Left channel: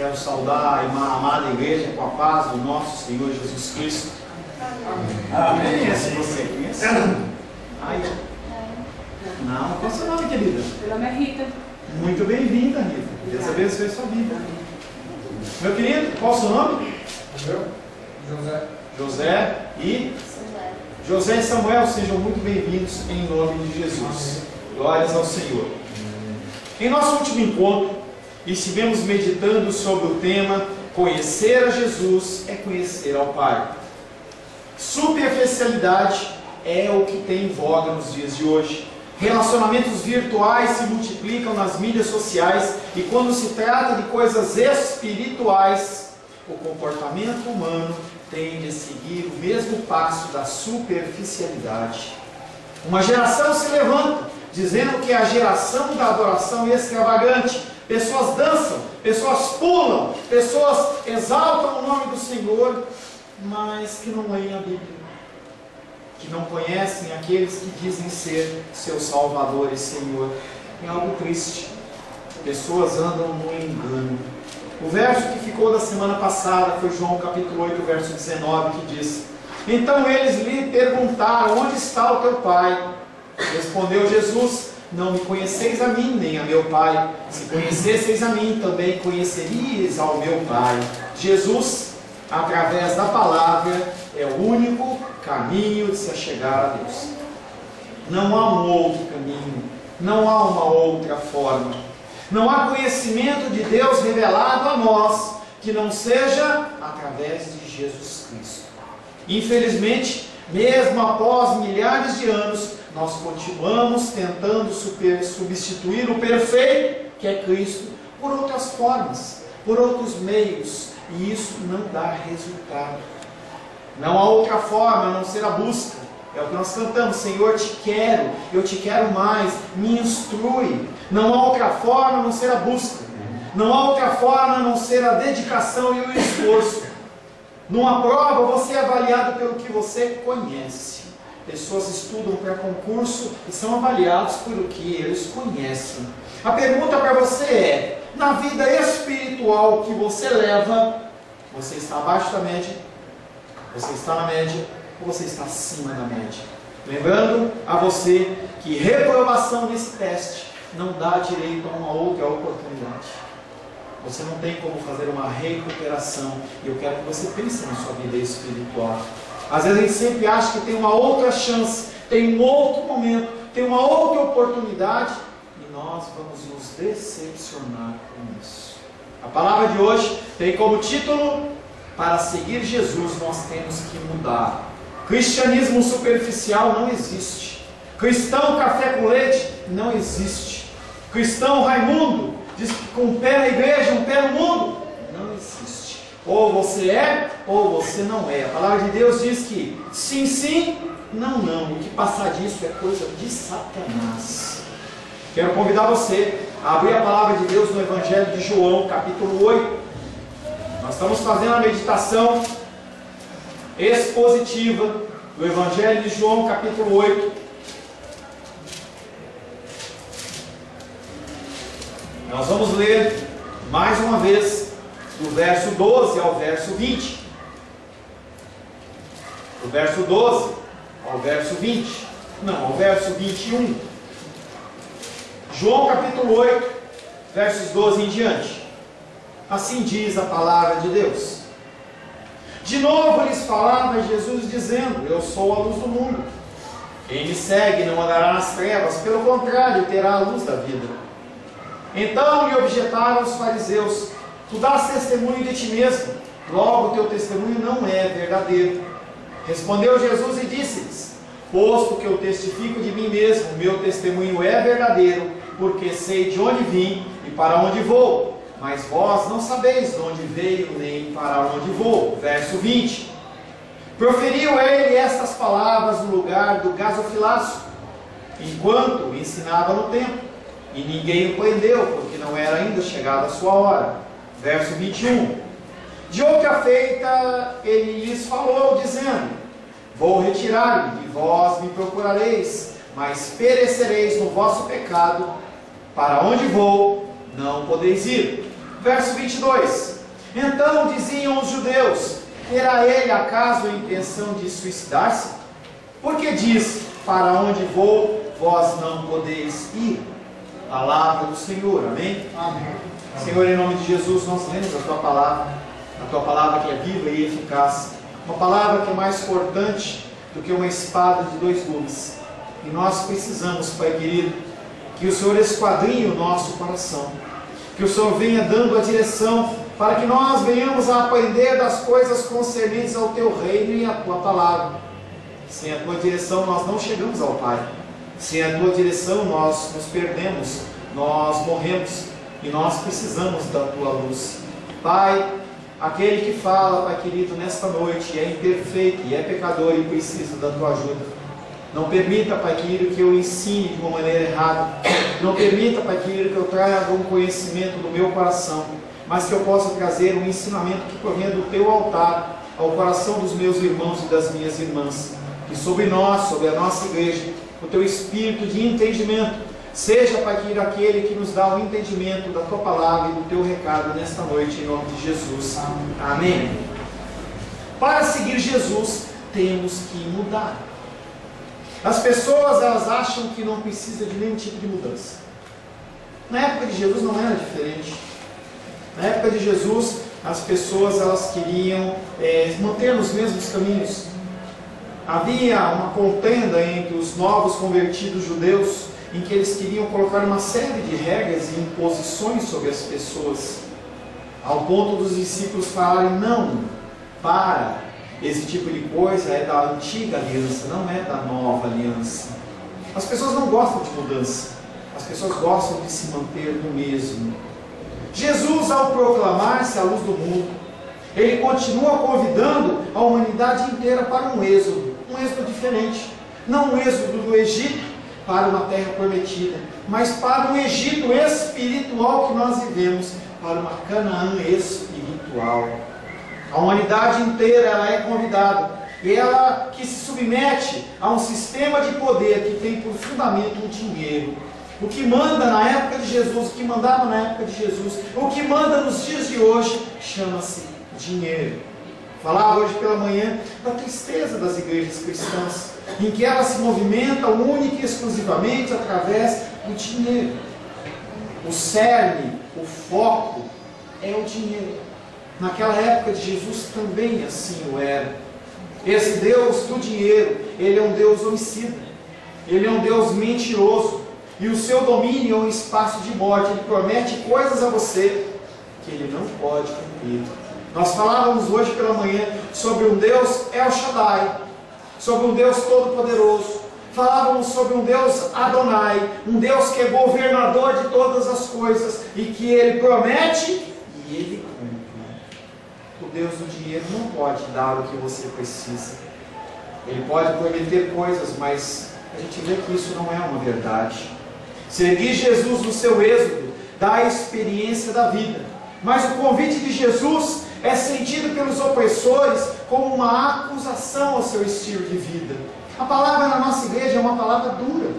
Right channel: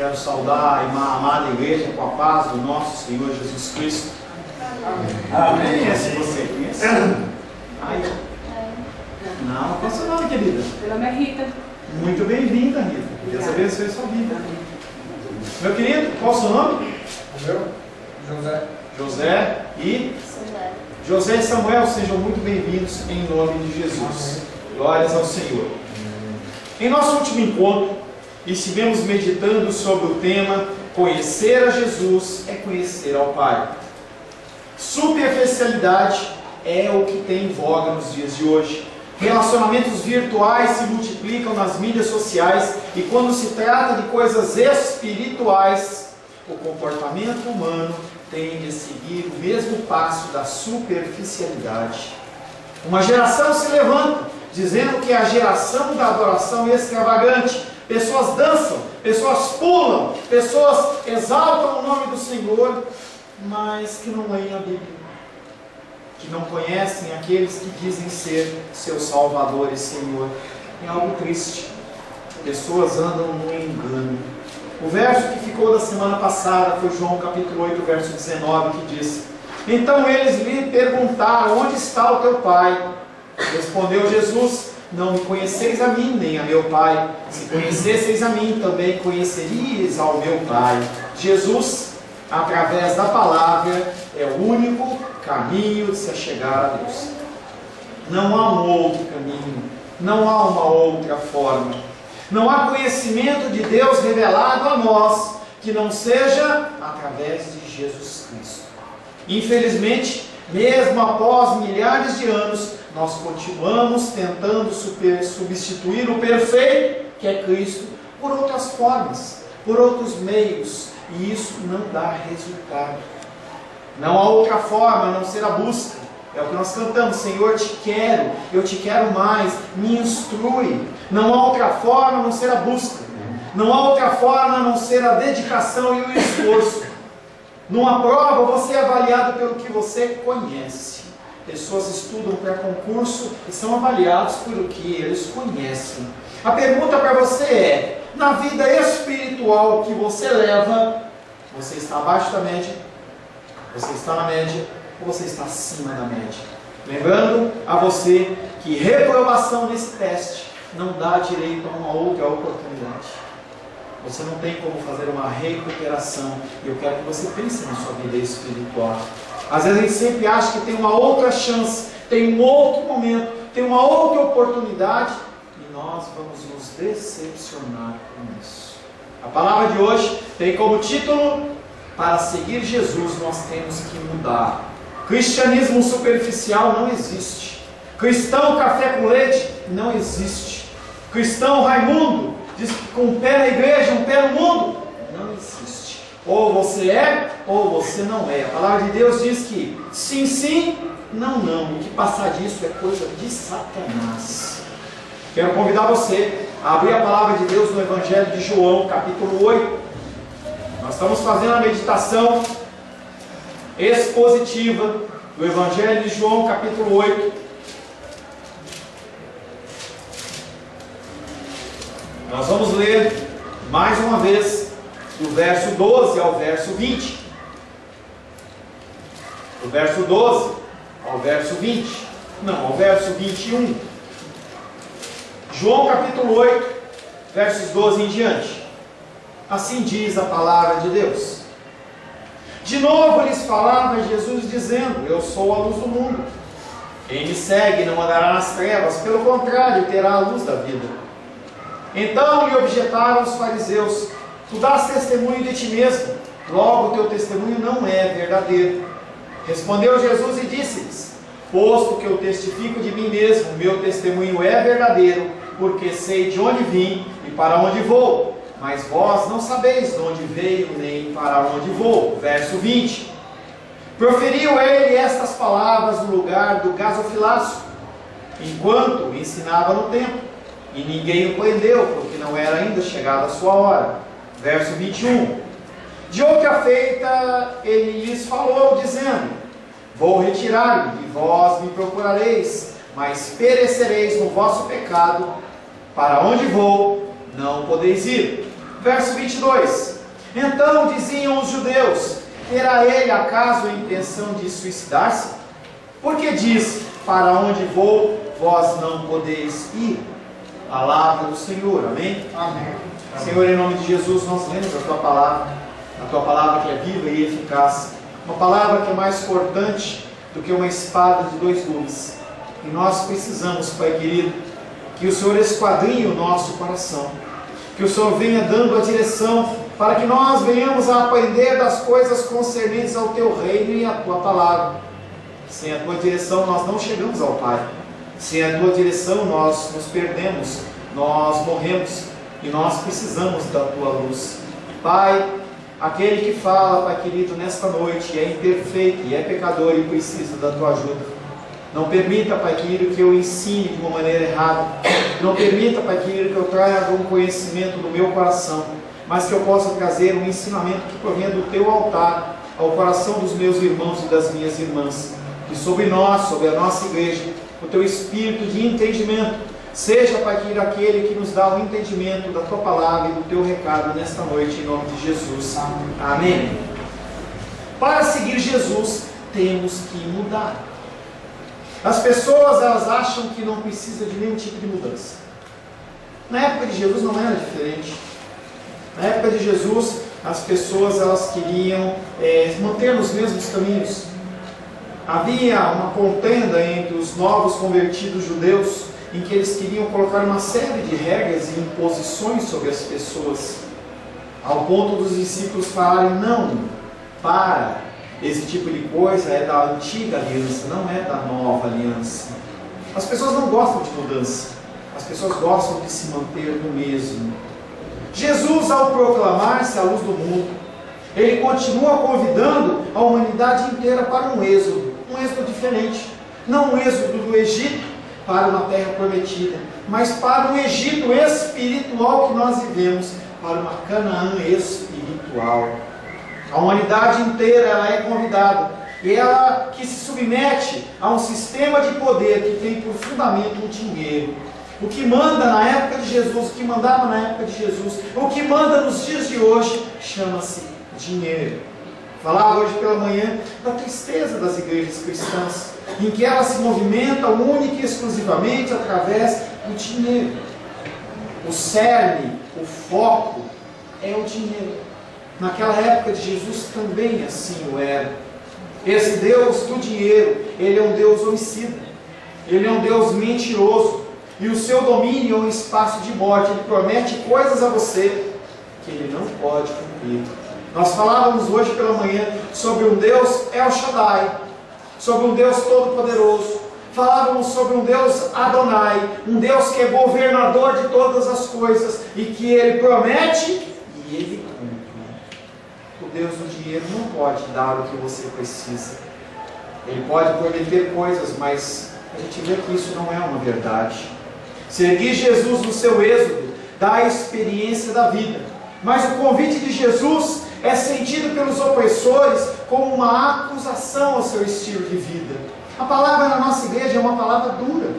Quero saudar a amada igreja com a paz do nosso Senhor Jesus Cristo. Amém. Conhece você? Conhece? Ai. Não, qual é o seu nome, querida? Meu nome é Rita. Muito bem-vinda, Rita. Deus abençoe a sua vida. Meu querido, qual é o seu nome? José. José e José e Samuel, sejam muito bem-vindos em nome de Jesus. Glórias ao Senhor. Em nosso último encontro, estivemos meditando sobre o tema conhecer a Jesus é conhecer ao Pai. Superficialidade é o que tem em voga nos dias de hoje. Relacionamentos virtuais se multiplicam nas mídias sociais e quando se trata de coisas espirituais, o comportamento humano tende a seguir o mesmo passo da superficialidade. Uma geração se levanta, dizendo que é a geração da adoração extravagante. Pessoas dançam, pessoas pulam, pessoas exaltam o nome do Senhor, mas que não leem a Bíblia, que não conhecem aqueles que dizem ser seu Salvador e Senhor. É algo triste. Pessoas andam no engano. O verso que ficou da semana passada foi João capítulo 8, verso 19, que diz: então eles lhe perguntaram, onde está o teu pai? Respondeu Jesus: não me conheceis a mim, nem a meu Pai. Se conhecesseis a mim, também conheceríeis ao meu Pai. Jesus, através da palavra, é o único caminho de se chegar a Deus. Não há um outro caminho, não há uma outra forma. Não há conhecimento de Deus revelado a nós que não seja através de Jesus Cristo. Infelizmente, mesmo após milhares de anos, nós continuamos tentando substituir o perfeito, que é Cristo, por outras formas, por outros meios, e isso não dá resultado. Não há outra forma a não ser a busca. É o que nós cantamos: Senhor, te quero, eu te quero mais, me instrui. Não há outra forma a não ser a busca. Não há outra forma a não ser a dedicação e o esforço. Numa prova, você é avaliado pelo que você conhece. Pessoas estudam para concurso e são avaliados pelo que eles conhecem. A pergunta para você é: na vida espiritual que você leva, você está abaixo da média, você está na média ou você está acima da média? Lembrando a você que reprovação nesse teste não dá direito a uma outra oportunidade. Você não tem como fazer uma recuperação. E eu quero que você pense na sua vida espiritual. Às vezes a gente sempre acha que tem uma outra chance, tem um outro momento, tem uma outra oportunidade, e nós vamos nos decepcionar com isso. A palavra de hoje tem como título: para seguir Jesus nós temos que mudar. Cristianismo superficial não existe. Cristão café com leite não existe. Cristão Raimundo diz que com um pé na igreja, um pé no mundo, não existe. Ou você é, ou você não é. A palavra de Deus diz que sim, sim, não, não. O que passar disso é coisa de Satanás. Quero convidar você a abrir a palavra de Deus no Evangelho de João, capítulo 8. Nós estamos fazendo a meditação expositiva do Evangelho de João, capítulo 8. Nós vamos ler mais uma vez do verso 12 ao verso 20. Do verso 12 ao verso 20. Não, ao verso 21. João capítulo 8, versos 12 em diante. Assim diz a palavra de Deus. De novo lhes falava Jesus dizendo: eu sou a luz do mundo. Quem me segue não andará nas trevas, pelo contrário, terá a luz da vida. Então lhe objetaram os fariseus: tu dás testemunho de ti mesmo, logo teu testemunho não é verdadeiro. Respondeu Jesus e disse-lhes: posto que eu testifico de mim mesmo, meu testemunho é verdadeiro, porque sei de onde vim e para onde vou. Mas vós não sabeis de onde veio nem para onde vou. Verso 20. Proferiu ele estas palavras no lugar do gasofilaço, enquanto ensinava no templo. E ninguém o prendeu, porque não era ainda chegada a sua hora. Verso 21. De outra feita, ele lhes falou, dizendo: vou retirar-me, e vós me procurareis, mas perecereis no vosso pecado. Para onde vou, não podeis ir. Verso 22. Então diziam os judeus: terá ele acaso a intenção de suicidar-se? Porque diz: para onde vou, vós não podeis ir. Palavra do Senhor, amém? Amém. Senhor, em nome de Jesus, nós lemos a Tua palavra que é viva e eficaz, uma palavra que é mais cortante do que uma espada de dois gumes. E nós precisamos, Pai querido, que o Senhor esquadrinhe o nosso coração, que o Senhor venha dando a direção, para que nós venhamos a aprender das coisas concernentes ao Teu reino e à Tua palavra. Sem a Tua direção nós não chegamos ao Pai. Sem a Tua direção nós nos perdemos, nós morremos, e nós precisamos da Tua luz. Pai, aquele que fala, Pai querido, nesta noite é imperfeito e é pecador e precisa da Tua ajuda. Não permita, Pai querido, que eu ensine de uma maneira errada. Não permita, Pai querido, que eu traga um conhecimento do meu coração, mas que eu possa trazer um ensinamento que provenha do Teu altar ao coração dos meus irmãos e das minhas irmãs. Que sobre nós, sobre a nossa igreja, o Teu espírito de entendimento seja, Pai querido, aquele que nos dá o entendimento da Tua palavra e do Teu recado nesta noite, em nome de Jesus. Amém. Para seguir Jesus, temos que mudar. As pessoas, elas acham que não precisa de nenhum tipo de mudança. Na época de Jesus não era diferente. Na época de Jesus, as pessoas, elas queriam manter nos mesmos caminhos. Havia uma contenda entre os novos convertidos judeus, em que eles queriam colocar uma série de regras e imposições sobre as pessoas, ao ponto dos discípulos falarem: não, para. Esse tipo de coisa é da antiga aliança, não é da nova aliança. As pessoas não gostam de mudança. As pessoas gostam de se manter no mesmo. Jesus, ao proclamar-se a luz do mundo, Ele continua convidando a humanidade inteira para um êxodo diferente. Não um êxodo do Egito para uma terra prometida, mas para o Egito espiritual que nós vivemos, para uma Canaã espiritual. A humanidade inteira, ela é convidada, e ela que se submete a um sistema de poder que tem por fundamento o dinheiro. O que manda na época de Jesus, o que mandava na época de Jesus, o que manda nos dias de hoje, chama-se dinheiro. Falava hoje pela manhã da tristeza das igrejas cristãs, em que elas se movimentam única e exclusivamente através do dinheiro. O cerne, o foco é o dinheiro. Naquela época de Jesus também assim o era. Esse Deus do dinheiro, Ele é um Deus homicida, Ele é um Deus mentiroso, e o seu domínio é um espaço de morte. Ele promete coisas a você que Ele não pode cumprir. Nós falávamos hoje pela manhã sobre um Deus El Shaddai, sobre um Deus todo-poderoso. Falávamos sobre um Deus Adonai, um Deus que é governador de todas as coisas, e que Ele promete e Ele cumpre. O Deus do dinheiro não pode dar o que você precisa. Ele pode prometer coisas, mas a gente vê que isso não é uma verdade. Seguir Jesus no seu êxodo dá a experiência da vida, mas o convite de Jesus é sentido pelos opressores como uma acusação ao seu estilo de vida. A palavra na nossa igreja é uma palavra dura.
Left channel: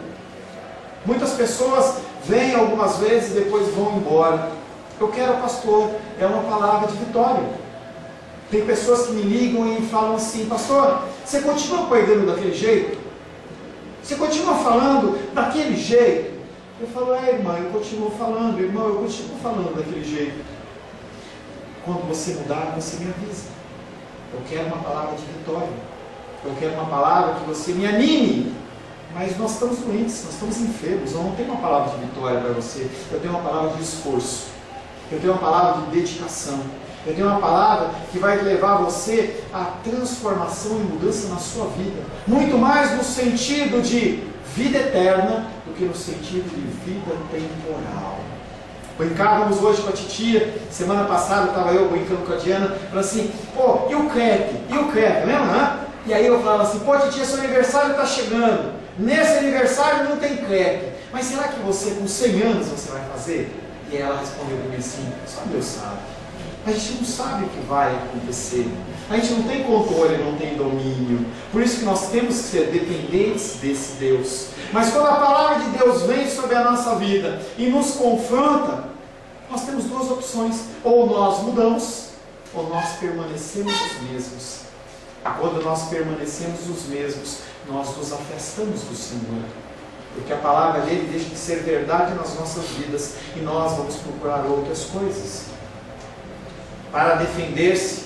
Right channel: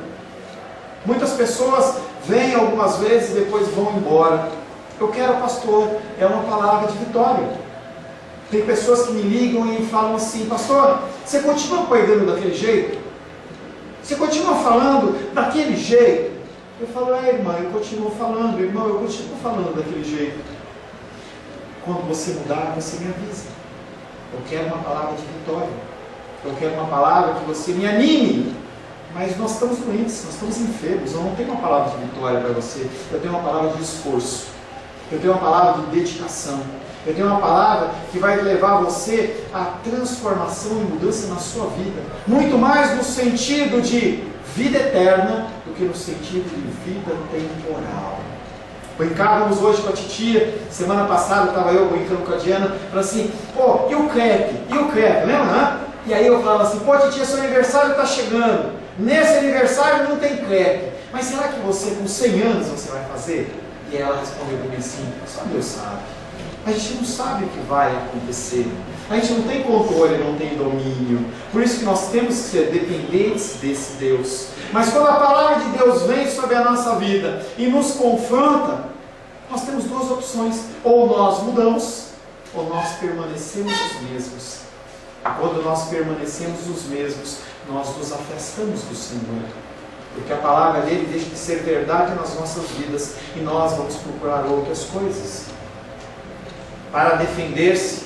Muitas pessoas vêm algumas vezes e depois vão embora. Eu quero, pastor, é uma palavra de vitória. Tem pessoas que me ligam e falam assim: pastor, você continua pregando daquele jeito? Você continua falando daquele jeito? Eu falo: irmã, eu continuo falando. Irmão, eu continuo falando daquele jeito. Quando você mudar, você me avisa. Eu quero uma palavra de vitória. Eu quero uma palavra que você me anime. Mas nós estamos doentes, nós estamos enfermos. Eu não tenho uma palavra de vitória para você. Eu tenho uma palavra de esforço. Eu tenho uma palavra de dedicação. Eu tenho uma palavra que vai levar você à transformação e mudança na sua vida. Muito mais no sentido de vida eterna do que no sentido de vida temporal. Brincávamos hoje com a titia. Semana passada estava eu brincando com a Diana. Falando assim: pô, e o crepe? E o crepe? Lembra, né? E aí eu falava assim: pô, titia, seu aniversário está chegando. Nesse aniversário não tem crepe. Mas será que você, com 100 anos, você vai fazer? E ela respondeu para mim assim: só Deus sabe. A gente não sabe o que vai acontecer. A gente não tem controle, não tem domínio. Por isso que nós temos que ser dependentes desse Deus. Mas quando a palavra de Deus vem sobre a nossa vida e nos confronta, nós temos duas opções: ou nós mudamos, ou nós permanecemos os mesmos? Quando nós permanecemos os mesmos, nós nos afastamos do Senhor, porque a palavra dele deixa de ser verdade nas nossas vidas e nós vamos procurar outras coisas. Para defender-se,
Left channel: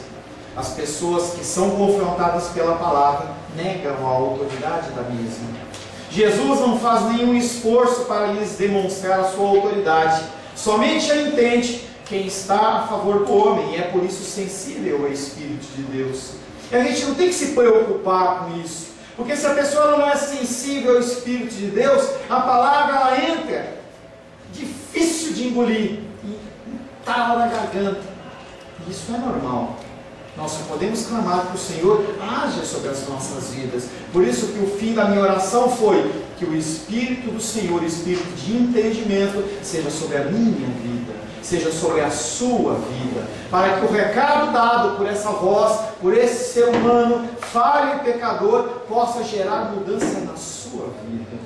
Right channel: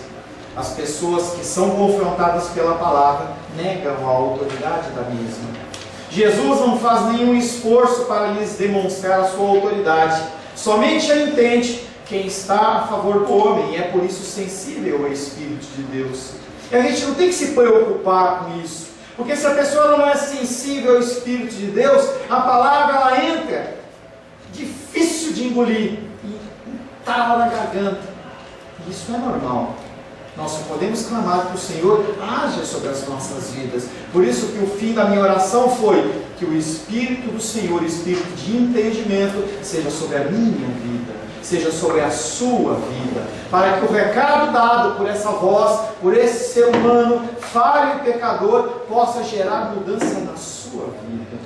as pessoas que são confrontadas pela palavra negam a autoridade da mesma. Jesus não faz nenhum esforço para lhes demonstrar a sua autoridade, somente a entende quem está a favor do homem, e é por isso sensível ao Espírito de Deus. E a gente não tem que se preocupar com isso, porque se a pessoa não é sensível ao Espírito de Deus, a palavra ela entra, difícil de engolir, e entala na garganta. E isso é normal. Nós só podemos clamar que o Senhor haja sobre as nossas vidas. Por isso que o fim da minha oração foi que o Espírito do Senhor, o Espírito de entendimento, seja sobre a minha vida, seja sobre a sua vida, para que o recado dado por essa voz, por esse ser humano falho e pecador, possa gerar mudança na sua vida.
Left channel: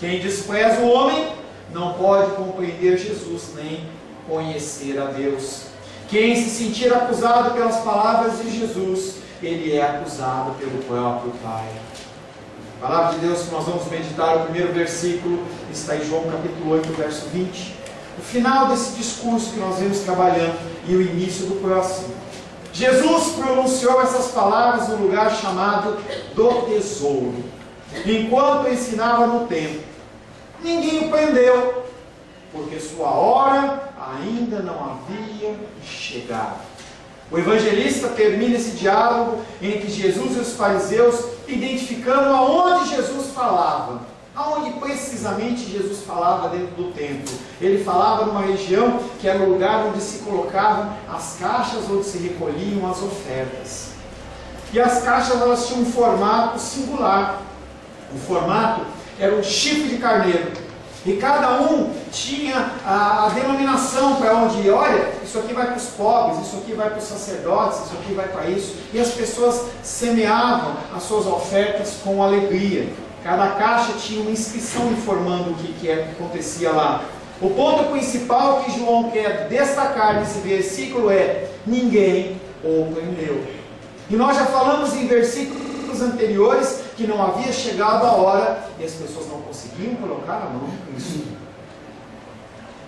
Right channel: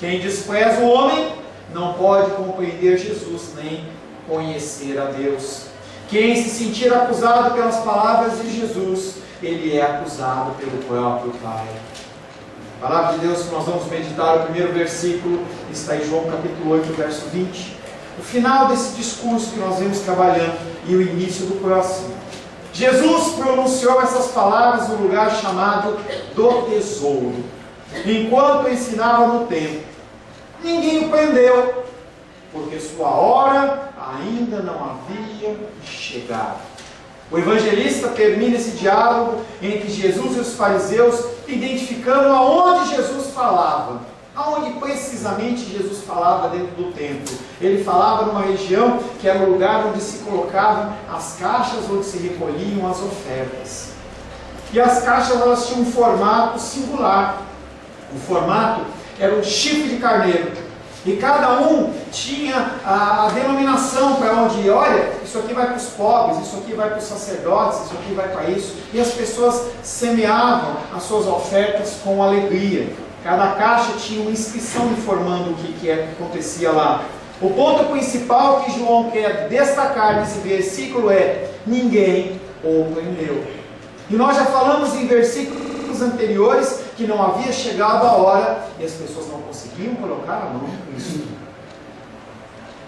Quem despreza o homem não pode compreender Jesus nem conhecer a Deus. Quem se sentir acusado pelas palavras de Jesus, ele é acusado pelo próprio Pai. A palavra de Deus que nós vamos meditar, o primeiro versículo, está em João capítulo 8, verso 20. O final desse discurso que nós vemos trabalhando e o início do próximo. Jesus pronunciou essas palavras no lugar chamado do tesouro, enquanto ensinava no templo. Ninguém o prendeu, porque sua hora ainda não havia chegado. O evangelista termina esse diálogo entre Jesus e os fariseus, identificando aonde Jesus falava. Aonde precisamente Jesus falava dentro do templo. Ele falava numa região que era o lugar onde se colocavam as caixas, onde se recolhiam as ofertas. E as caixas elas tinham um formato singular. O formato era um chifre de carneiro. E cada um tinha a denominação para onde ia. Olha, isso aqui vai para os pobres, isso aqui vai para os sacerdotes, isso aqui vai para isso. E as pessoas semeavam as suas ofertas com alegria. Cada caixa tinha uma inscrição informando o que acontecia lá. O ponto principal que João quer destacar nesse versículo é: ninguém o prendeu. E nós já falamos em versículos anteriores que não havia chegado a hora e as pessoas não conseguiam colocar a mão nisso.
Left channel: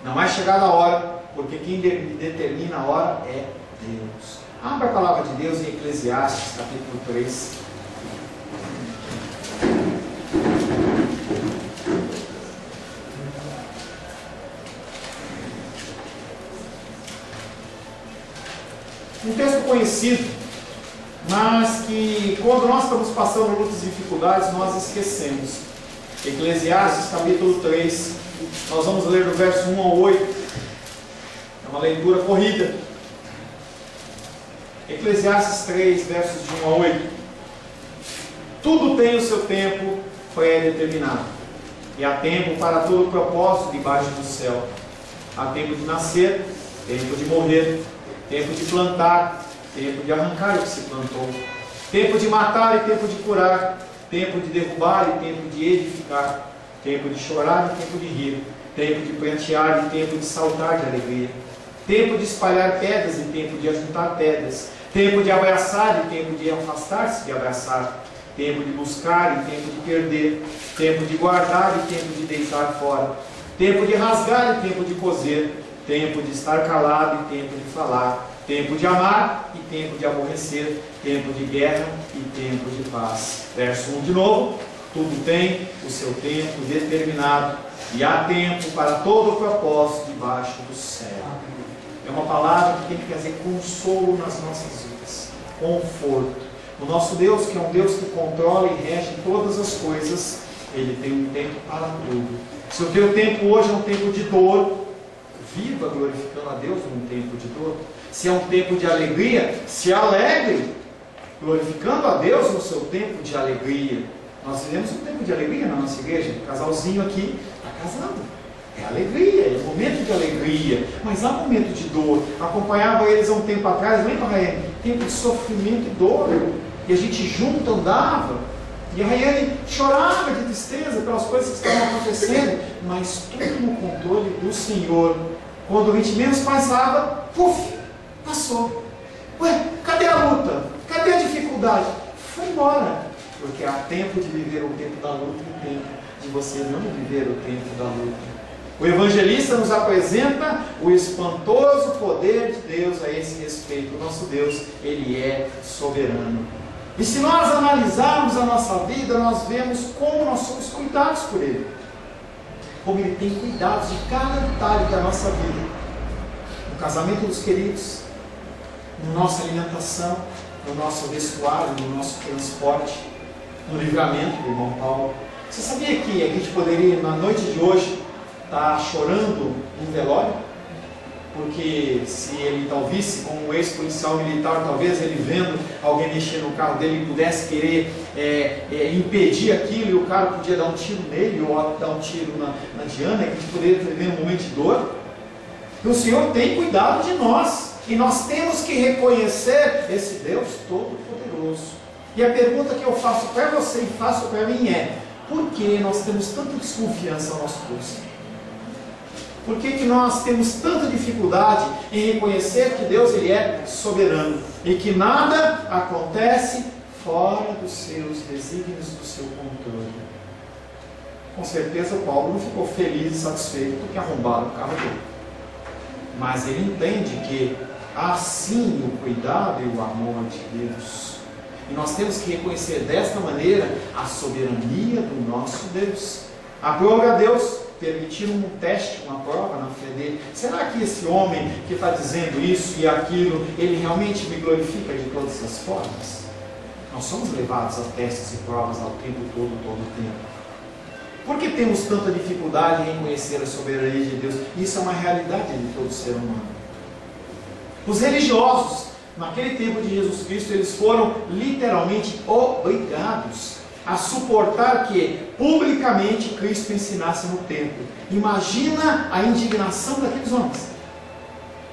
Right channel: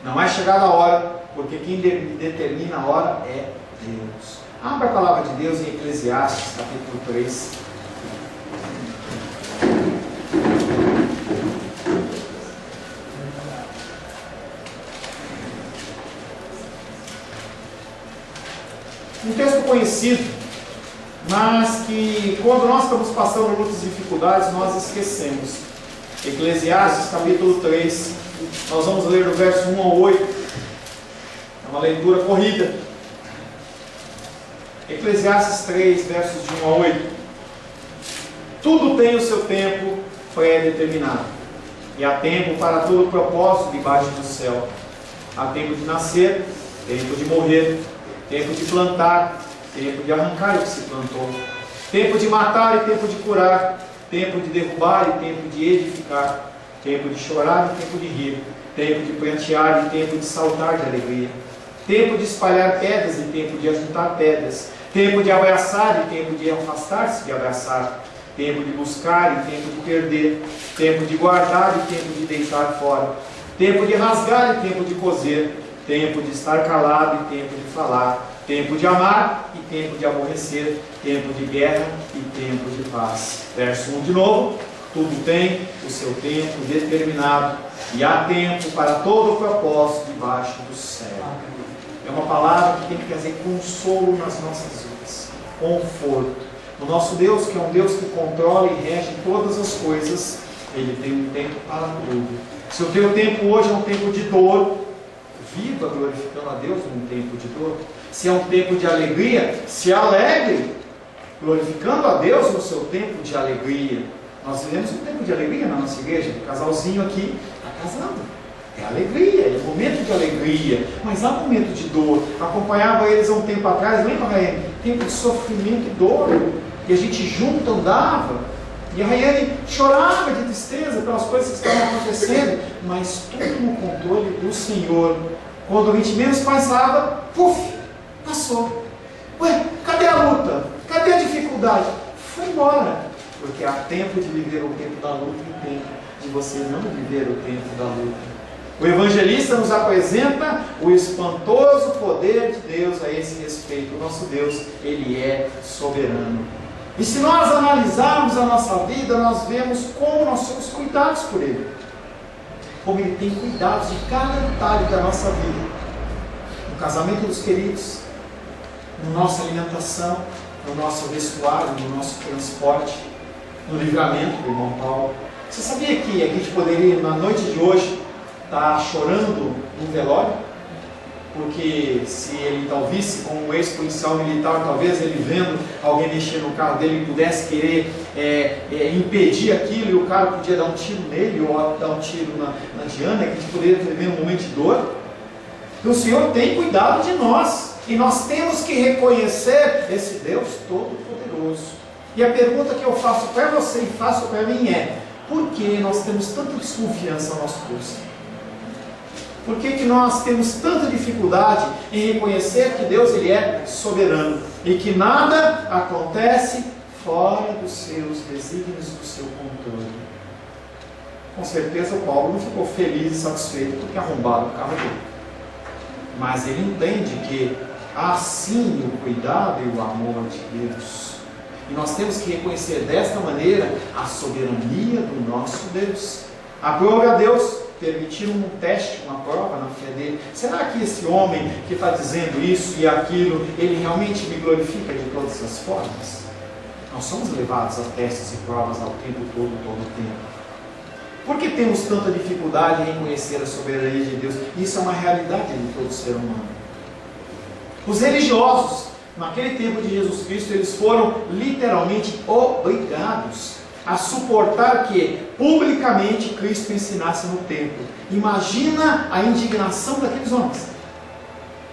Não é chegada a hora, porque quem determina a hora é Deus. Abra a palavra de Deus em Eclesiastes capítulo 3. Um texto conhecido, mas que quando nós estamos passando muitas dificuldades, nós esquecemos. Eclesiastes capítulo 3, nós vamos ler do verso 1 ao 8, é uma leitura corrida. Eclesiastes 3, versos de 1 a 8. Tudo tem o seu tempo pré-determinado, e há tempo para todo propósito debaixo do céu. Há tempo de nascer, tempo de morrer, tempo de plantar, tempo de arrancar o que se plantou, tempo de matar e tempo de curar, tempo de derrubar e tempo de edificar, tempo de chorar e tempo de rir, tempo de prantear e tempo de saltar de alegria, tempo de espalhar pedras e tempo de ajuntar pedras, tempo de abraçar e tempo de afastar-se de abraçar, tempo de buscar e tempo de perder, tempo de guardar e tempo de deitar fora, tempo de rasgar e tempo de coser, tempo de estar calado e tempo de falar, tempo de amar e tempo de aborrecer, tempo de guerra e tempo de paz. Verso 1 de novo. Tudo tem o seu tempo determinado e há tempo para todo o propósito debaixo do céu. É uma palavra que tem que trazer consolo nas nossas vidas, conforto. O nosso Deus, que é um Deus que controla e rege todas as coisas, Ele tem um tempo para tudo. Se o teu tempo hoje é um tempo de dor, viva glorificando a Deus num tempo de dor. Se é um tempo de alegria, se alegre, glorificando a Deus no seu tempo de alegria. Nós vivemos um tempo de alegria na nossa igreja. O casalzinho aqui está casando. É alegria, é momento de alegria. Mas há momento de dor. Acompanhava eles há um tempo atrás, lembra, Raiane? Tempo de sofrimento e dor. E a gente junto andava. E a Raiane chorava de tristeza pelas coisas que estavam acontecendo. Mas tudo no controle do Senhor. Quando a gente menos pensava, puf, passou. Ué, cadê a luta? Cadê a dificuldade? Foi embora. Porque há tempo de viver o tempo da luta e tempo de você não viver o tempo da luta. O evangelista nos apresenta o espantoso poder de Deus a esse respeito. O nosso Deus, Ele é soberano. E se nós analisarmos a nossa vida, nós vemos como nós somos cuidados por Ele. Como Ele tem cuidado de cada detalhe da nossa vida. No casamento dos queridos, na nossa alimentação, no nosso vestuário, no nosso transporte, no livramento do irmão Paulo. Você sabia que a gente poderia, na noite de hoje, estar chorando num velório? Porque se ele talvez, como um ex-policial militar, talvez ele vendo alguém mexer no carro dele, pudesse querer impedir aquilo, e o cara podia dar um tiro nele, ou dar um tiro na Diana, que a gente poderia viver um momento de dor. E o Senhor tem cuidado de nós, e nós temos que reconhecer esse Deus Todo-Poderoso. E a pergunta que eu faço para você e faço para mim é: por que nós temos tanta desconfiança no nosso curso? Por que nós temos tanta dificuldade em reconhecer que Deus, Ele é soberano e que nada acontece fora dos seus desígnios, do seu controle? Com certeza o Paulo não ficou feliz e satisfeito porque arrombaram o carro dele. Mas ele entende que há sim o cuidado e o amor de Deus. E nós temos que reconhecer desta maneira a soberania do nosso Deus. Aprove a Deus permitir um teste, uma prova na fé dele. Será que esse homem que está dizendo isso e aquilo, ele realmente me glorifica de todas as formas? Nós somos levados a testes e provas ao tempo todo o tempo. Por que temos tanta dificuldade em reconhecer a soberania de Deus? Isso é uma realidade de todo ser humano. Os religiosos, naquele tempo de Jesus Cristo, eles foram literalmente obrigados a suportar que publicamente Cristo ensinasse no templo. Imagina a indignação daqueles homens.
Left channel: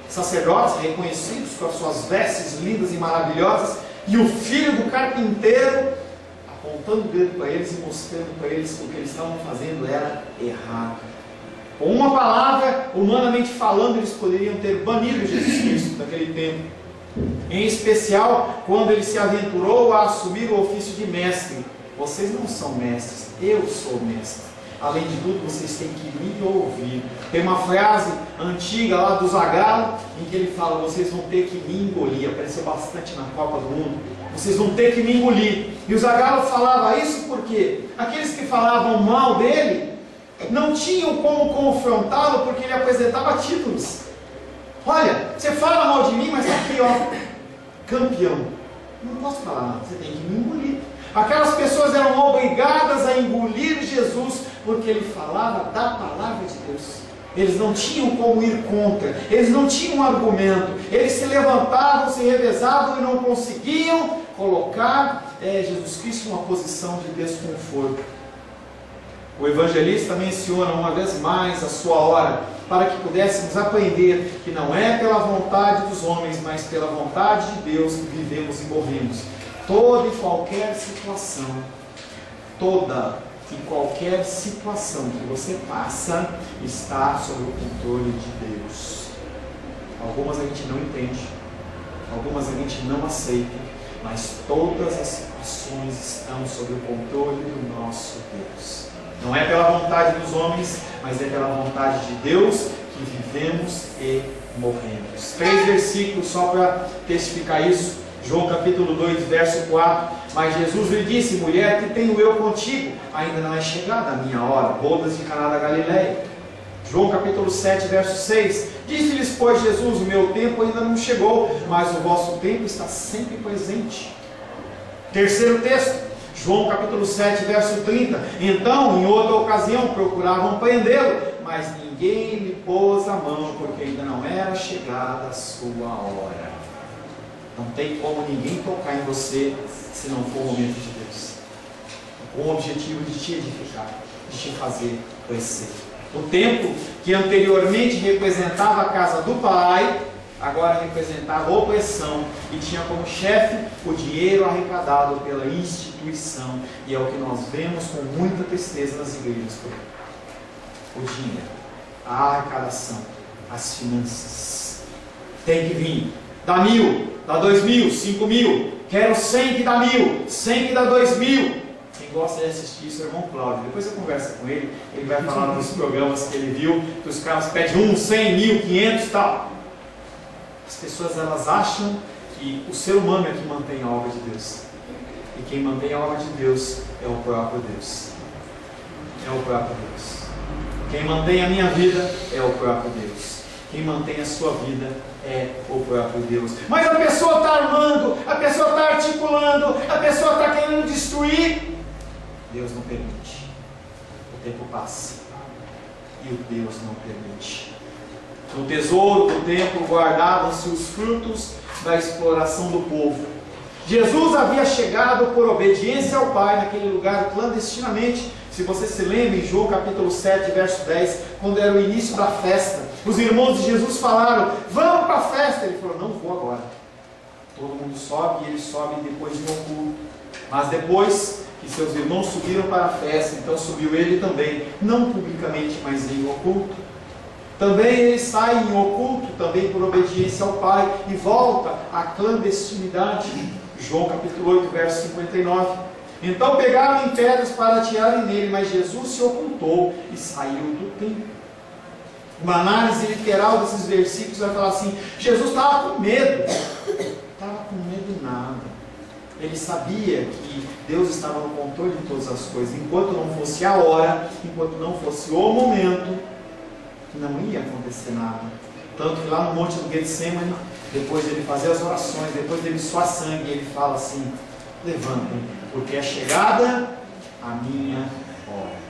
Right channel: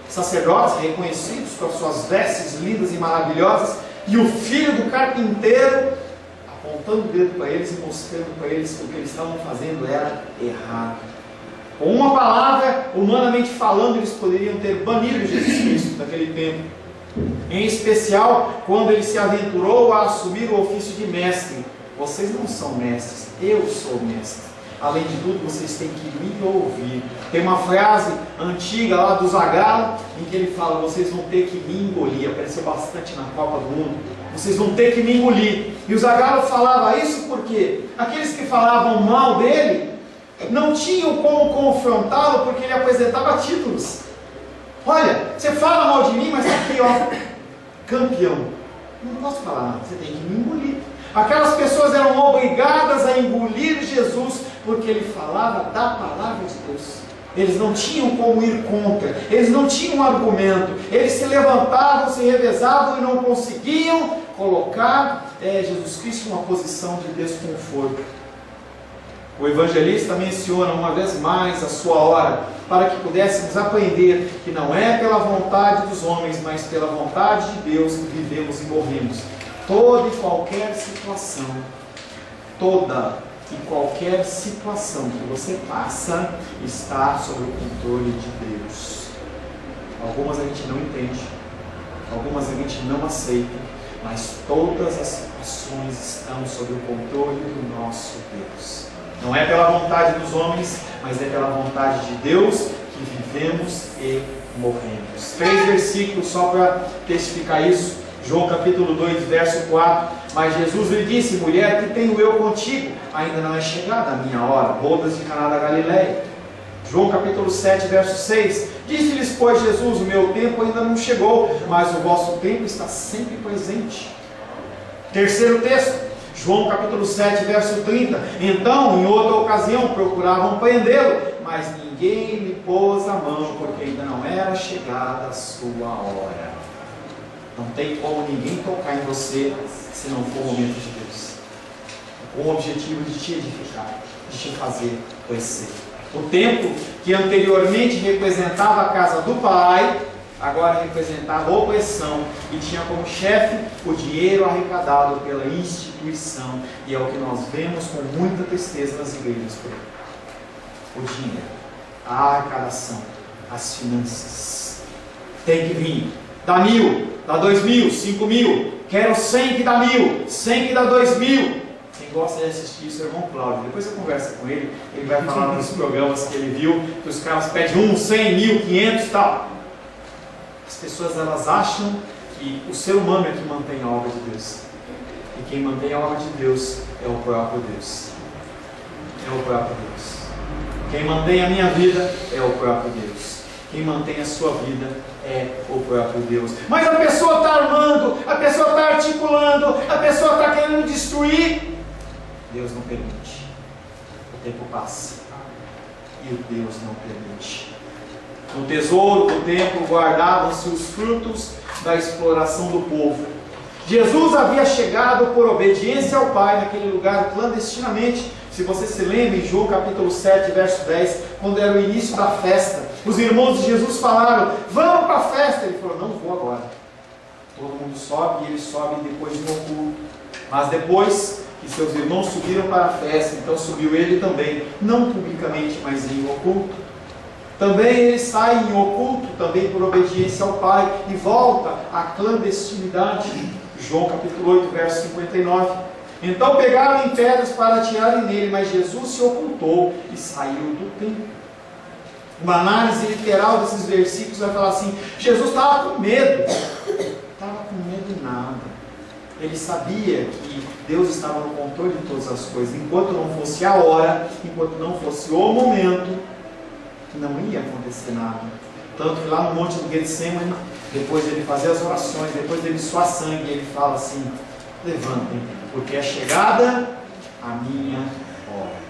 Sacerdotes reconhecidos com as suas vestes lindas e maravilhosas, e o filho do carpinteiro apontando o dedo para eles e mostrando para eles que o que eles estavam fazendo era errado. Com uma palavra, humanamente falando, eles poderiam ter banido Jesus Cristo daquele tempo. Em especial, quando ele se aventurou a assumir o ofício de mestre. Vocês não são mestres, eu sou mestre. Além de tudo, vocês têm que me ouvir. Tem uma frase antiga lá do Zagallo, em que ele fala: vocês vão ter que me engolir. Apareceu bastante na Copa do Mundo. Vocês vão ter que me engolir. E o Zagallo falava isso porque aqueles que falavam mal dele não tinham como confrontá-lo, porque ele apresentava títulos. Olha, você fala mal de mim, mas aqui ó, campeão. Não posso falar nada, você tem que me engolir. Aquelas pessoas eram obrigadas a engolir Jesus, porque ele falava da palavra de Deus. Eles não tinham como ir contra, eles não tinham argumento, eles se levantavam, se revezavam e não conseguiam colocar Jesus Cristo em uma posição de desconforto. O evangelista menciona uma vez mais a sua hora, para que pudéssemos aprender que não é pela vontade dos homens, mas pela vontade de Deus que vivemos e morremos. Toda e qualquer situação, toda e qualquer situação que você passa está sob o controle de Deus. Algumas a gente não entende, algumas a gente não aceita, mas todas as situações estão sob o controle do nosso Deus. Não é pela vontade dos homens, mas é pela vontade de Deus que vivemos e morremos. 3 versículos só para testificar isso. João capítulo 2, verso 4. Mas Jesus lhe disse: mulher, que tenho eu contigo? Ainda não é chegada a minha hora. Bodas de Caná da Galileia. João capítulo 7, verso 6. Disse-lhes, pois, Jesus: o meu tempo ainda não chegou, mas o vosso tempo está sempre presente. Terceiro texto, João capítulo 7, verso 30. Então, em outra ocasião, procuravam prendê-lo, mas ninguém lhe pôs a mão, porque ainda não era chegada a sua hora. Não tem como ninguém tocar em você se não for o momento de Deus. Com o objetivo de te edificar, de te fazer crescer. O templo que anteriormente representava a casa do Pai, agora representava a opressão e tinha como chefe o dinheiro arrecadado pela instituição. E é o que nós vemos com muita tristeza nas igrejas por aí. O dinheiro, a arrecadação, as finanças. Tem que vir. Dá 1000. dá 2.000, 5.000, quero 100 que dá 1.000, 100 que dá 2.000. Quem gosta de assistir isso é o irmão Cláudio. Depois você conversa com ele, ele vai falar nos programas que ele viu, que os caras pedem 1, 100, 1.000, 500 e tal. As pessoas, elas acham que o ser humano é que mantém a obra de Deus. E quem mantém a obra de Deus é o próprio Deus. É o próprio Deus. Quem mantém a minha vida é o próprio Deus. Quem mantém a sua vida é o próprio Deus. Mas a pessoa está armando, a pessoa está articulando, a pessoa está querendo destruir. Deus não permite. O tempo passa e o Deus não permite. No tesouro do templo guardavam-se os frutos da exploração do povo. Jesus havia chegado por obediência ao Pai naquele lugar clandestinamente. Se você se lembra, em João capítulo 7, verso 10, quando era o início da festa, os irmãos de Jesus falaram: vamos para a festa. Ele falou: não vou agora. Todo mundo sobe e ele sobe depois de um oculto. Mas depois que seus irmãos subiram para a festa, então subiu ele também, não publicamente, mas em oculto. Também ele sai em oculto, também por obediência ao Pai, e volta à clandestinidade. João capítulo 8, verso 59. Então pegaram em pedras para atirarem nele, mas Jesus se ocultou e saiu do templo. Uma análise literal desses versículos vai falar assim: Jesus estava com medo. Estava com medo nada. Ele sabia que Deus estava no controle de todas as coisas. Enquanto não fosse a hora, enquanto não fosse o momento, não ia acontecer nada. Tanto que lá no monte do Getsemane, depois de ele fazer as orações, depois dele suar sangue, ele fala assim: levantem, porque é chegada a minha hora.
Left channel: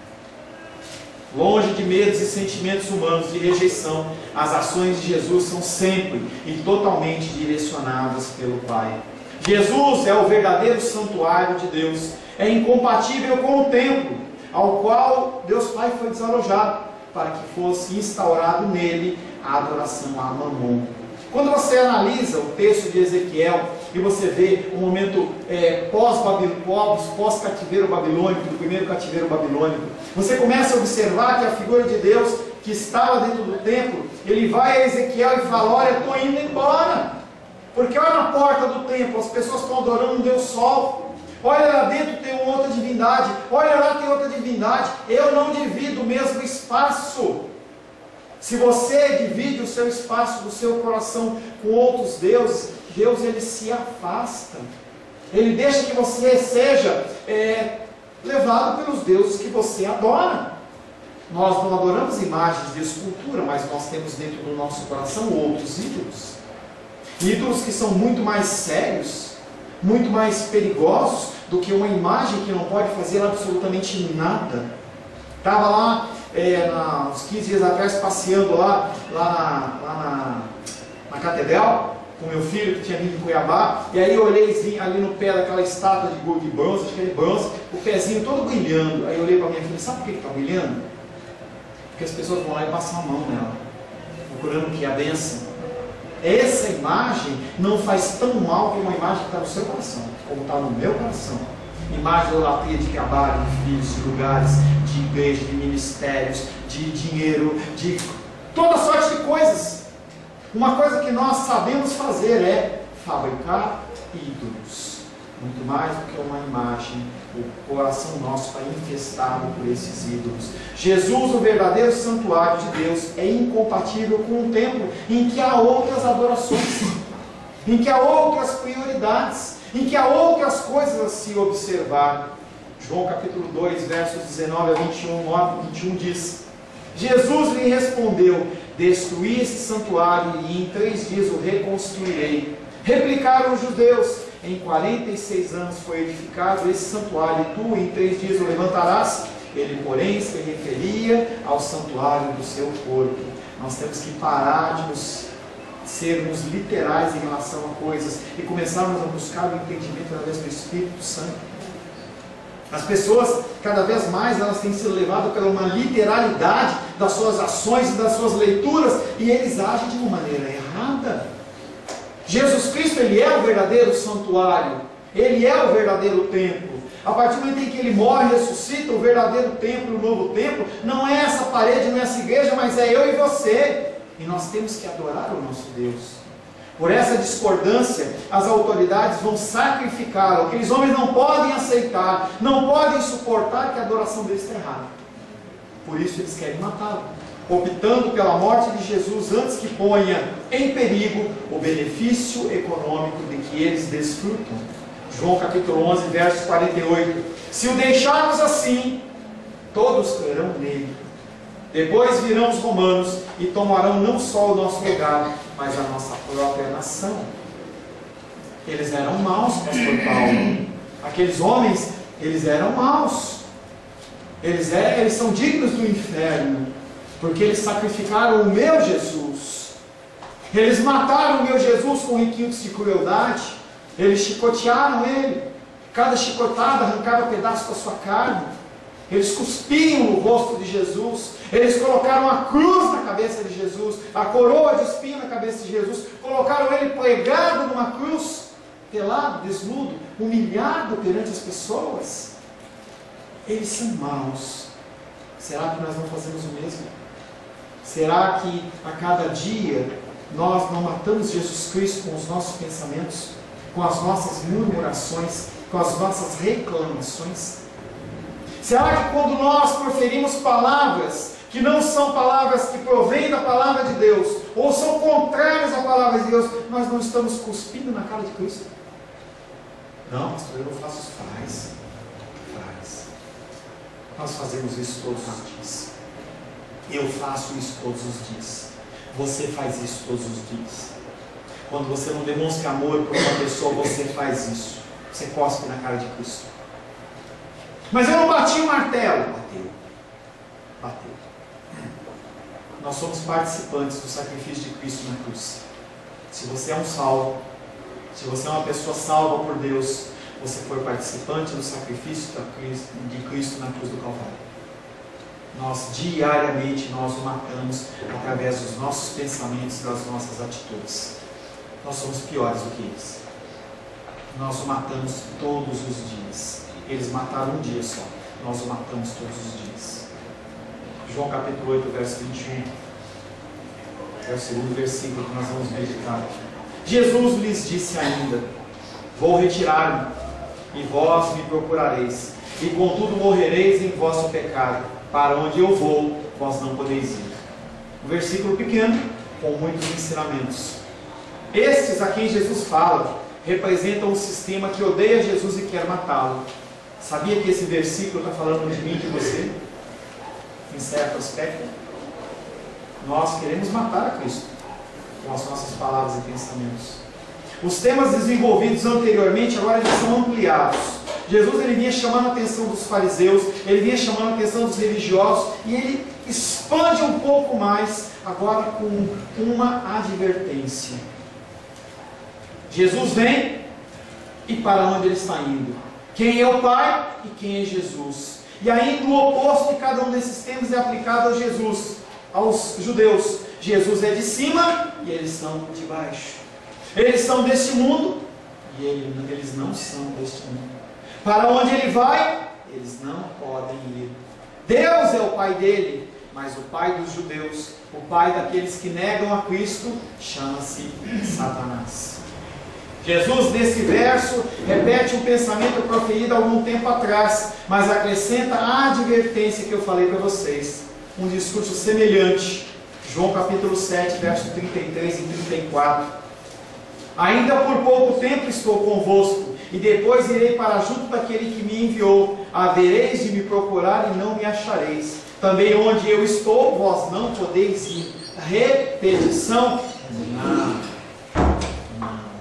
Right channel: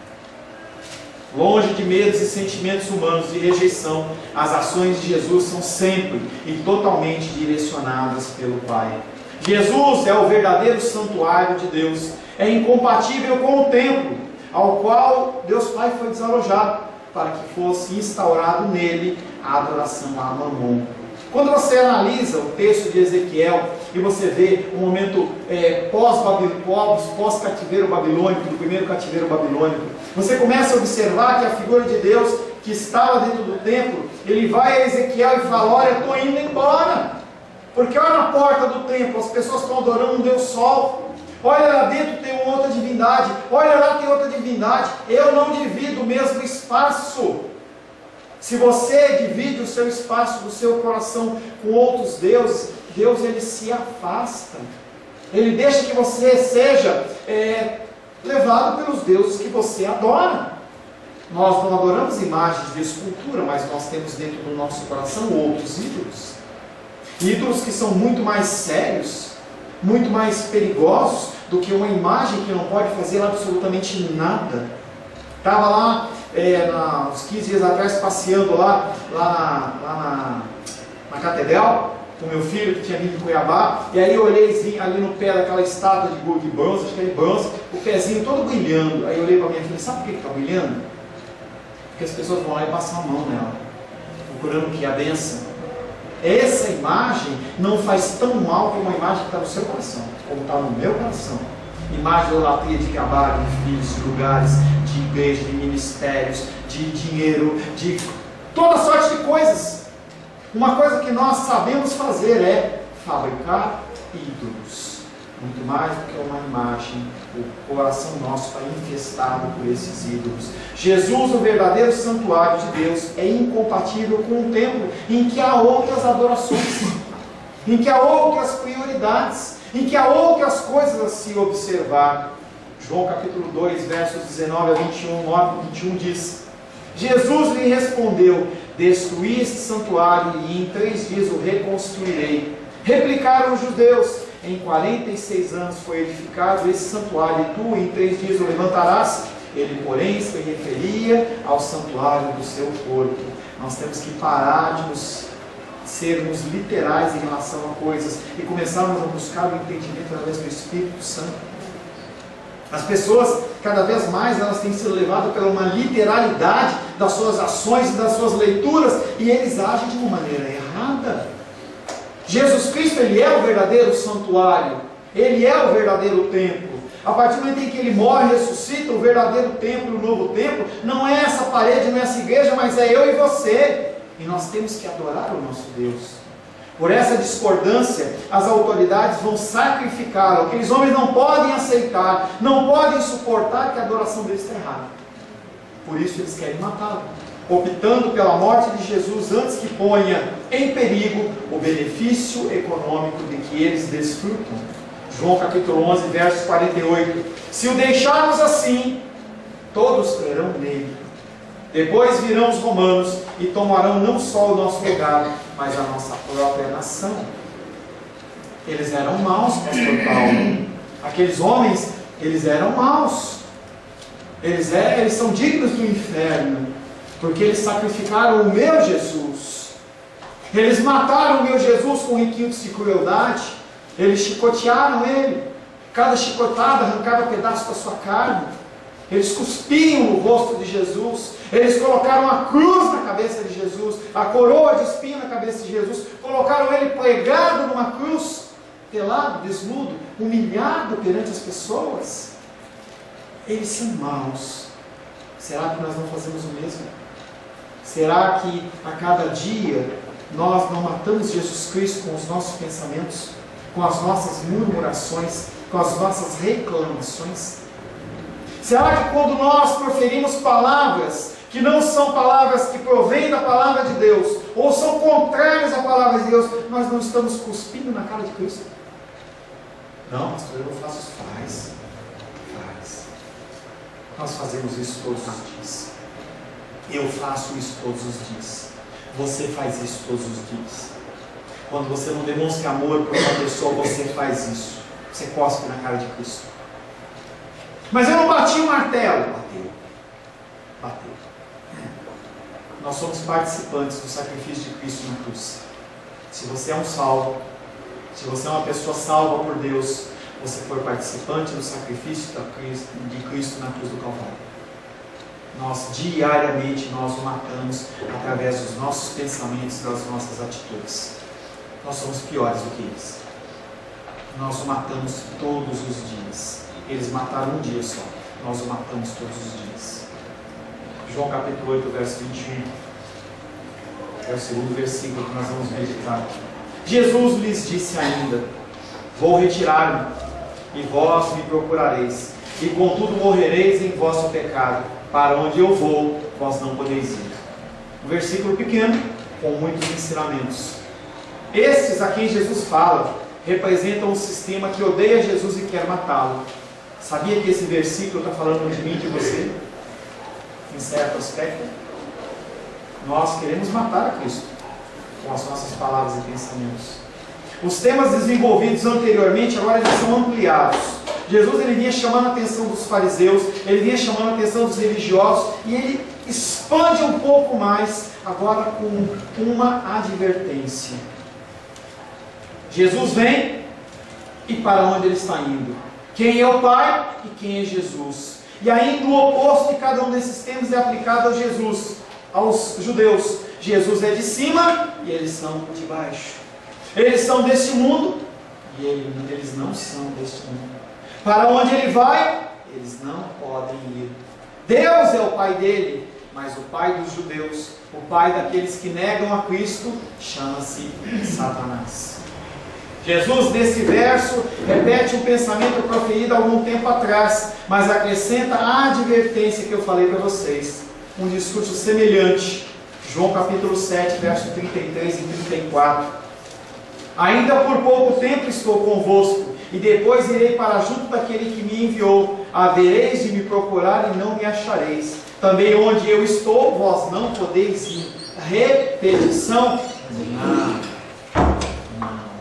Longe de medos e sentimentos humanos de rejeição, as ações de Jesus são sempre e totalmente direcionadas pelo Pai. Jesus é o verdadeiro santuário de Deus. É incompatível com o templo ao qual Deus Pai foi desalojado, para que fosse instaurado nele a adoração a Mamon. Quando você analisa o texto de Ezequiel e você vê o momento pós-cativeiro babilônico, do primeiro cativeiro babilônico, você começa a observar que a figura de Deus que estava dentro do templo, ele vai a Ezequiel e fala: olha, eu estou indo embora, porque olha na porta do templo, as pessoas estão adorando um Deus Sol. Olha lá dentro tem uma outra divindade, olha lá tem outra divindade. Eu não divido o mesmo espaço. Se você divide o seu espaço do seu coração com outros deuses, Deus ele se afasta. Ele deixa que você seja levado pelos deuses que você adora. Nós não adoramos imagens de escultura, mas nós temos dentro do nosso coração outros ídolos. Ídolos que são muito mais sérios, muito mais perigosos do que uma imagem que não pode fazer absolutamente nada. Estava lá uns 15 dias atrás passeando lá na catedral com meu filho que tinha vindo de Cuiabá, e aí eu olhei ali no pé daquela estátua de bronze, acho que é de bronze, o pezinho todo brilhando. Aí eu olhei para minha filha: sabe por que está brilhando? Porque as pessoas vão lá e passam a mão nela, procurando o que? A bênção. Essa imagem não faz tão mal como uma imagem que está no seu coração, como está no meu coração. Imagem de idolatria, de trabalho, de filhos, de lugares, de igreja, de ministérios, de dinheiro, de toda sorte de coisas. Uma coisa que nós sabemos fazer é fabricar ídolos. Muito mais do que uma imagem, o coração nosso está infestado por esses ídolos. Jesus, o verdadeiro santuário de Deus, é incompatível com um templo em que há outras adorações, em que há outras prioridades, em que há outras coisas a se observar. João capítulo 2, versos 19 a 21, 9 e 21 diz: Jesus lhe respondeu: destruí este santuário e em 3 dias o reconstruirei. Replicaram os judeus: em 46 anos foi edificado esse santuário, e tu em 3 dias o levantarás? Ele, porém, se referia ao santuário do seu corpo. Nós temos que parar de sermos literais em relação a coisas e começarmos a buscar o entendimento através do Espírito Santo. As pessoas, cada vez mais, elas têm sido levadas pela uma literalidade das suas ações e das suas leituras, e eles agem de uma maneira errada. Jesus Cristo, ele é o verdadeiro santuário, ele é o verdadeiro templo. A partir do momento em que ele morre e ressuscita, o verdadeiro templo, o novo templo, não é essa parede, não é essa igreja, mas é eu e você. E nós temos que adorar o nosso Deus. Por essa discordância, as autoridades vão sacrificá-lo. Aqueles homens não podem aceitar, não podem suportar que a adoração deles está errada. Por isso eles querem matá-lo, optando pela morte de Jesus antes que ponha em perigo o benefício econômico de que eles desfrutam. João capítulo 11, versos 48. Se o deixarmos assim, todos crerão nele. Depois virão os romanos e tomarão não só o nosso lugar, mas a nossa própria nação. Eles eram maus, pastor Paulo. Aqueles homens, eles eram maus. Eles são dignos do inferno, porque eles sacrificaram o meu Jesus. Eles mataram o meu Jesus com requintes de crueldade. Eles chicotearam ele. Cada chicotada arrancava um pedaço da sua carne. Eles cuspiam no rosto de Jesus. Eles colocaram a cruz na cabeça de Jesus, a coroa de espinho na cabeça de Jesus. Colocaram ele pregado numa cruz, pelado, desnudo, humilhado perante as pessoas. Eles são maus. Será que nós não fazemos o mesmo? Será que a cada dia nós não matamos Jesus Cristo com os nossos pensamentos, com as nossas murmurações, com as nossas reclamações? Será que quando nós proferimos palavras que não são palavras que provêm da palavra de Deus, ou são contrárias à palavra de Deus, nós não estamos cuspindo na cara de Cristo? Não, pastor, eu não faço isso. Faz. Nós fazemos isso todos os dias. Eu faço isso todos os dias. Você faz isso todos os dias. Quando você não demonstra amor por uma pessoa, você faz isso. Você cospe na cara de Cristo. Mas eu não bati o martelo. Bateu. Nós somos participantes do sacrifício de Cristo na cruz. Se você é um salvo, se você é uma pessoa salva por Deus, você foi participante do sacrifício de Cristo na cruz do Calvário. Nós diariamente nós o matamos através dos nossos pensamentos e das nossas atitudes. Nós somos piores do que eles. Nós o matamos todos os dias. Eles mataram um dia só. Nós o matamos todos os dias. João capítulo 8, verso 21. É o segundo versículo que nós vamos meditar. Jesus lhes disse ainda: vou retirar-me, e vós me procurareis, e contudo morrereis em vosso pecado. Para onde eu vou, vós não podeis ir. Um versículo pequeno, com muitos ensinamentos. Estes a quem Jesus fala representam um sistema que odeia Jesus e quer matá-lo. Sabia que esse versículo está falando de mim e de você? Em certo aspecto, nós queremos matar a Cristo com as nossas palavras e pensamentos. Os temas desenvolvidos anteriormente agora eles são ampliados. Jesus ele vinha chamando a atenção dos fariseus, ele vinha chamando a atenção dos religiosos, e ele expande um pouco mais agora com uma advertência. Jesus vem, e para onde ele está indo? Quem é o Pai e quem é Jesus? E ainda o oposto de cada um desses temas é aplicado a Jesus, aos judeus. Jesus é de cima e eles são de baixo. Eles são deste mundo e eles não são deste mundo. Para onde ele vai, eles não podem ir. Deus é o Pai dele, mas o pai dos judeus, o pai daqueles que negam a Cristo, chama-se Satanás. Jesus, nesse verso, repete um pensamento proferido há algum tempo atrás, mas acrescenta a advertência que eu falei para vocês. Um discurso semelhante. João capítulo 7, versos 33 e 34. Ainda por pouco tempo estou convosco, e depois irei para junto daquele que me enviou. Havereis de me procurar e não me achareis. Também onde eu estou, vós não podeis ir. Repetição? Não.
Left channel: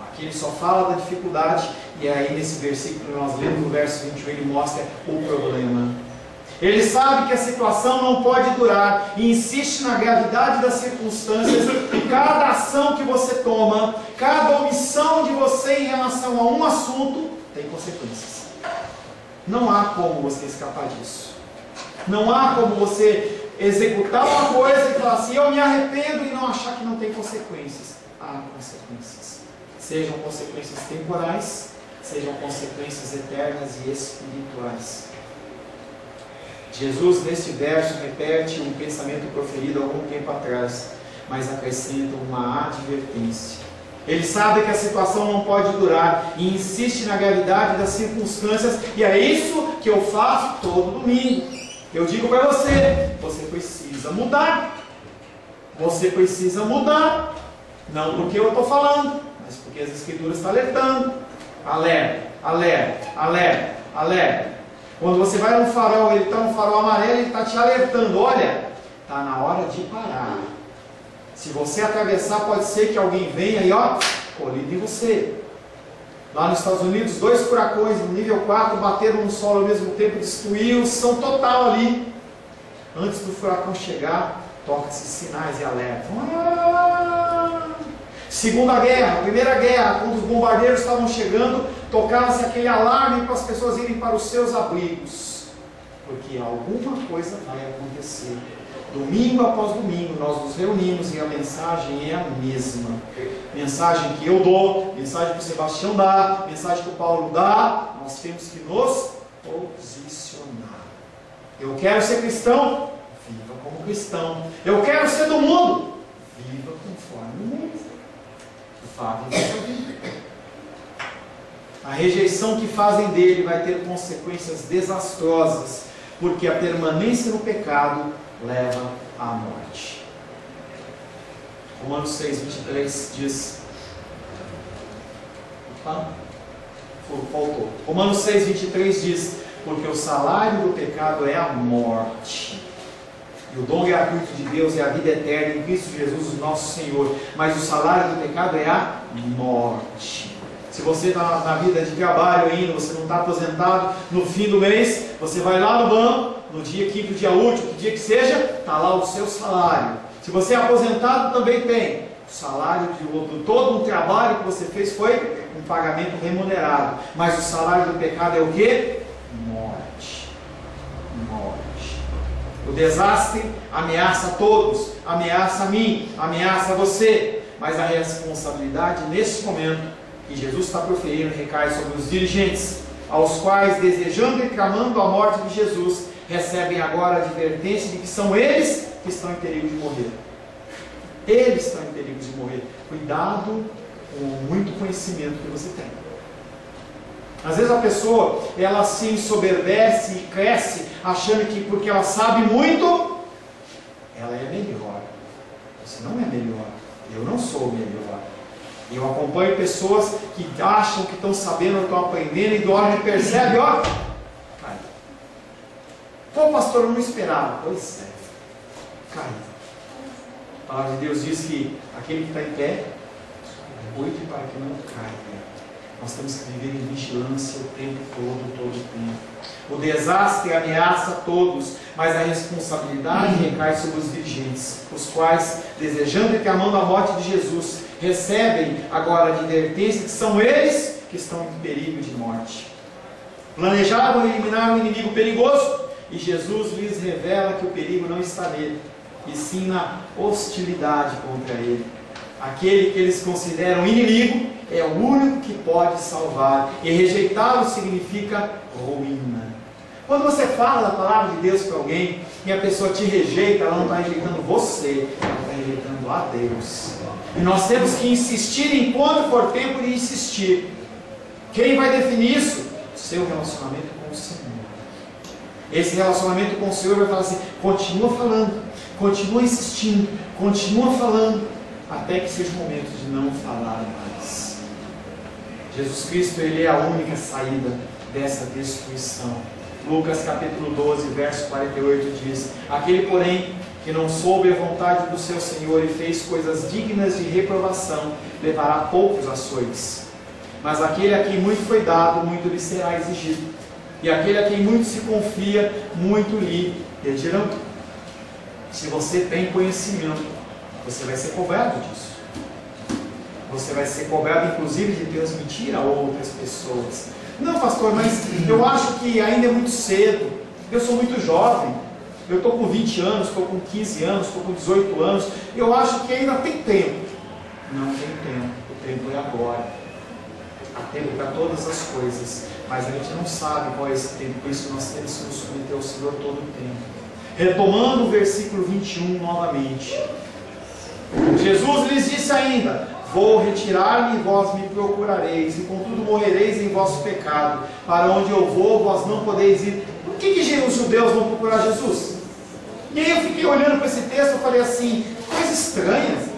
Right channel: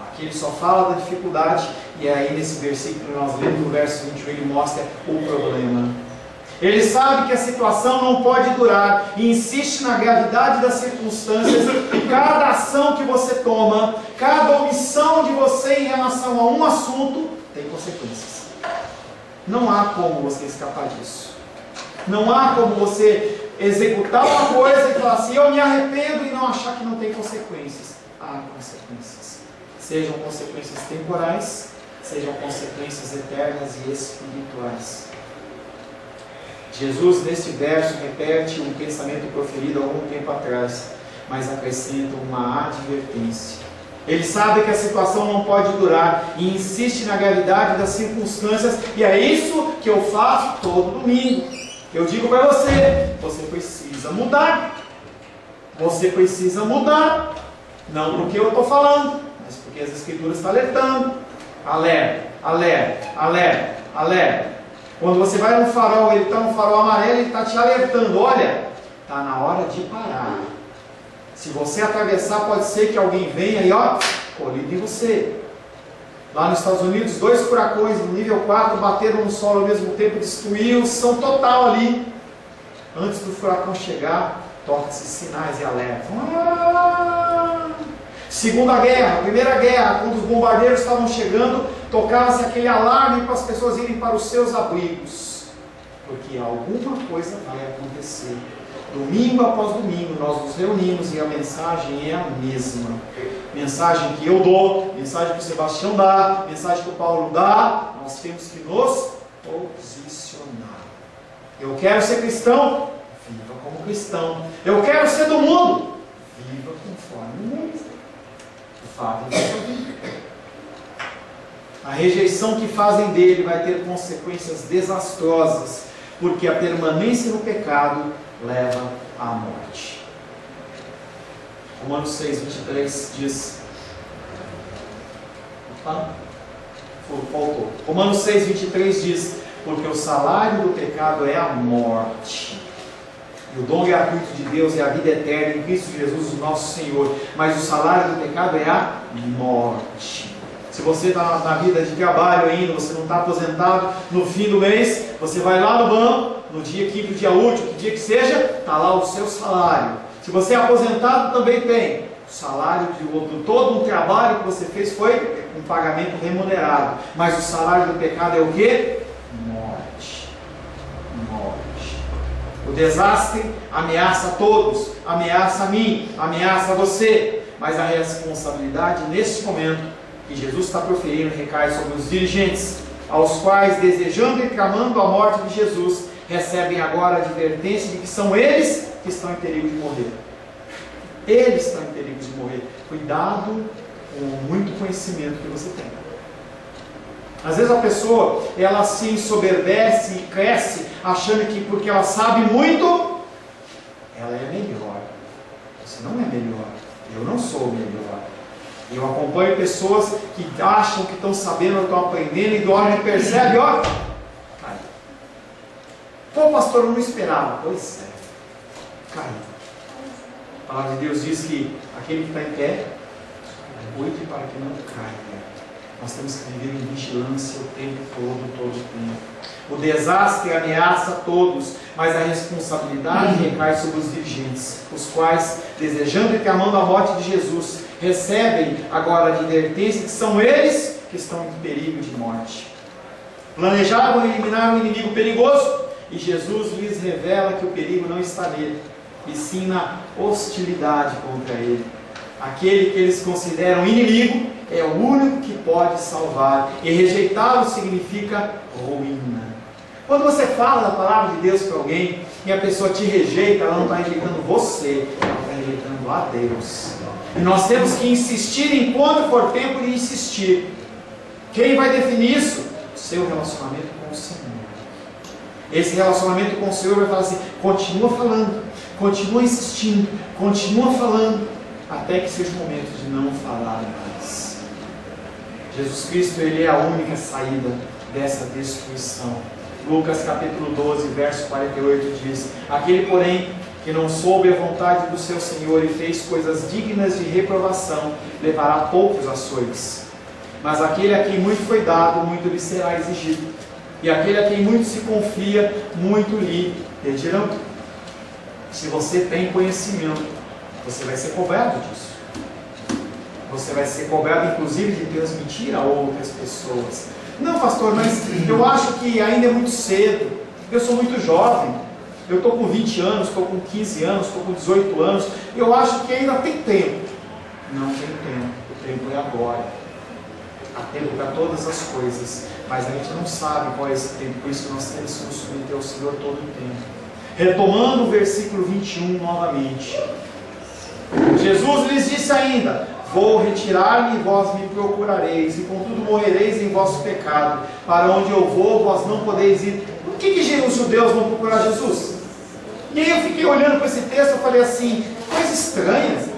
Aqui ele só fala da dificuldade, e aí nesse versículo que nós lemos, no verso 21, ele mostra o problema. Ele sabe que a situação não pode durar e insiste na gravidade das circunstâncias, e cada ação que você toma, cada omissão de você em relação a um assunto, tem consequências. Não há como você escapar disso. Não há como você executar uma coisa e falar assim, eu me arrependo, e não achar que não tem consequências. Há consequências. Sejam consequências temporais, sejam consequências eternas e espirituais. Jesus, neste verso, repete um pensamento proferido há algum tempo atrás, mas acrescenta uma advertência. Ele sabe que a situação não pode durar e insiste na gravidade das circunstâncias, e é isso que eu faço todo domingo. Eu digo para você, você precisa mudar. Você precisa mudar. Não porque eu estou falando, mas porque as Escrituras estão alertando. Alerta, alerta, alerta, alerta. Quando você vai num farol, ele está no farol amarelo, ele está te alertando. Olha, está na hora de parar. Se você atravessar, pode ser que alguém venha e colide em você. Lá nos Estados Unidos, 2 furacões no nível 4 bateram no solo ao mesmo tempo, destruíram, são total ali. Antes do furacão chegar, toca-se sinais e alertas. Segunda guerra, primeira guerra, quando os bombardeiros estavam chegando, tocava-se aquele alarme para as pessoas irem para os seus abrigos. Porque alguma coisa vai acontecer. Domingo após domingo nós nos reunimos e a mensagem é a mesma. Mensagem que eu dou, mensagem que o Sebastião dá, mensagem que o Paulo dá. Nós temos que nos posicionar. Eu quero ser cristão, viva como cristão. Eu quero ser do mundo, viva conforme o mundo. O fato é que a rejeição que fazem dele vai ter consequências desastrosas, porque a permanência no pecado leva à morte. Romanos 6, 23 diz... Opa, faltou. Romanos 6, 23 diz: porque o salário do pecado é a morte, e o dom gratuito de Deus é a vida eterna em Cristo Jesus, o nosso Senhor. Mas o salário do pecado é a morte. Se você está na vida de trabalho ainda, você não está aposentado, no fim do mês, você vai lá no banco, no dia quinto, dia útil, que dia que seja, está lá o seu salário. Se você é aposentado, também tem. O salário de todo um trabalho que você fez foi um pagamento remunerado. Mas o salário do pecado é o quê? Morte. Morte. O desastre ameaça a todos, ameaça a mim, ameaça a você. Mas a responsabilidade nesse momento que Jesus está proferindo recai sobre os dirigentes, aos quais, desejando e clamando a morte de Jesus, recebem agora a advertência de que são eles que estão em perigo de morrer. Eles estão em perigo de morrer. Cuidado com o muito conhecimento que você tem. Às vezes a pessoa, ela se ensoberbece e cresce, achando que porque ela sabe muito, ela é melhor. Você não é melhor. Eu não sou melhor. Eu acompanho pessoas que acham que estão sabendo, estão aprendendo, e do hora que percebe, cai. Pô, pastor, eu não esperava. Pois é, cai. A palavra de Deus diz que aquele que está em pé, cuide para que não caia. Nós temos que viver em vigilância o tempo todo o tempo. O desastre ameaça a todos, mas a responsabilidade recai sobre os dirigentes, os quais, desejando e clamando a morte de Jesus, recebem agora a advertência que são eles que estão em perigo de morte. Planejavam eliminar um inimigo perigoso, e Jesus lhes revela que o perigo não está nele, e sim na hostilidade contra ele. Aquele que eles consideram inimigo é o único que pode salvar, e rejeitá-lo significa ruína. Quando você fala da palavra de Deus para alguém e a pessoa te rejeita, ela não está rejeitando você, ela está rejeitando a Deus. E nós temos que insistir enquanto for tempo de insistir. Quem vai definir isso? O seu relacionamento com o Senhor. Esse relacionamento com o Senhor vai falar assim: continua falando, continua insistindo, continua falando, até que seja o momento de não falar mais. Jesus Cristo, Ele é a única saída dessa destruição. Lucas capítulo 12, verso 48 diz: aquele, porém, que não soube a vontade do seu Senhor e fez coisas dignas de reprovação, levará poucos açoites. Mas aquele a quem muito foi dado, muito lhe será exigido. E aquele a quem muito se confia, muito lhe pedirão. Se você tem conhecimento, você vai ser cobrado disso. Você vai ser cobrado, inclusive, de transmitir a outras pessoas. Não, pastor, mas eu acho que ainda é muito cedo. Eu sou muito jovem. Eu estou com 20 anos, estou com 15 anos, estou com 18 anos. Eu acho que ainda tem tempo. Não tem tempo. O tempo é agora. Há tempo para todas as coisas. Mas a gente não sabe qual é esse tempo. Por isso que nós temos que nos submeter ao Senhor todo o tempo. Retomando o versículo 21 novamente. Jesus lhes disse ainda: vou retirar-me e vós me procurareis, e contudo morrereis em vosso pecado. Para onde eu vou, vós não podeis ir. Por que os judeus vão procurar Jesus? E aí eu fiquei olhando para esse texto, eu falei assim, coisa estranha.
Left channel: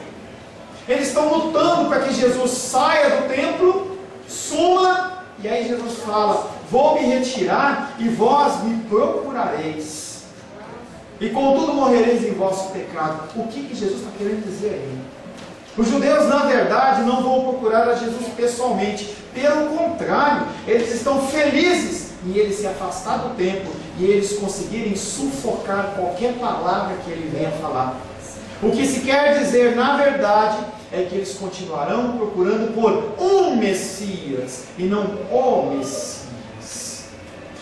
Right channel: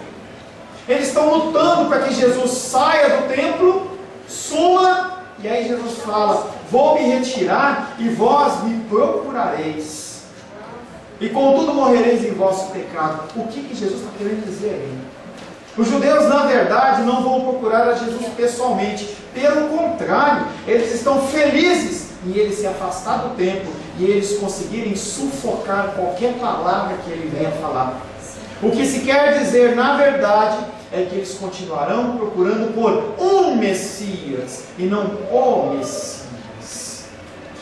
Eles estão lutando para que Jesus saia do templo, suma, e aí Jesus fala, vou me retirar e vós me procurareis. E contudo morrereis em vosso pecado. O que Jesus está querendo dizer aí? Os judeus, na verdade, não vão procurar a Jesus pessoalmente. Pelo contrário, eles estão felizes em ele se afastar do templo e eles conseguirem sufocar qualquer palavra que ele venha falar. O que se quer dizer, na verdade, é que eles continuarão procurando por um Messias e não o Messias.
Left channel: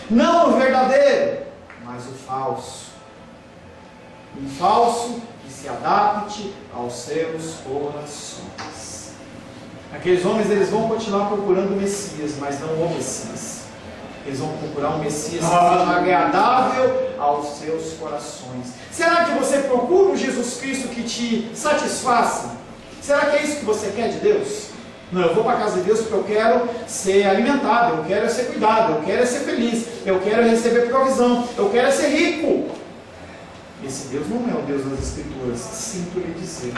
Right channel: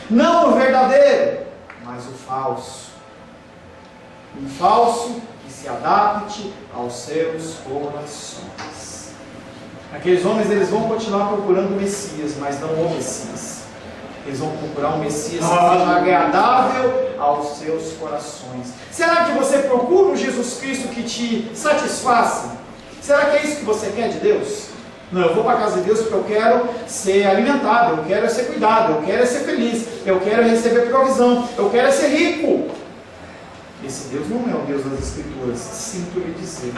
Não o verdadeiro, mas o falso. Um falso que se adapte aos seus corações. Aqueles homens, eles vão continuar procurando o Messias, mas não o Messias. Eles vão procurar um Messias que seja agradável aos seus corações. Será que você procura um Jesus Cristo que te satisfaça? Será que é isso que você quer de Deus? Não, eu vou para a casa de Deus porque eu quero ser alimentado, eu quero ser cuidado, eu quero ser feliz, eu quero receber provisão, eu quero ser rico. Esse Deus não é o Deus das Escrituras, sinto lhe dizer.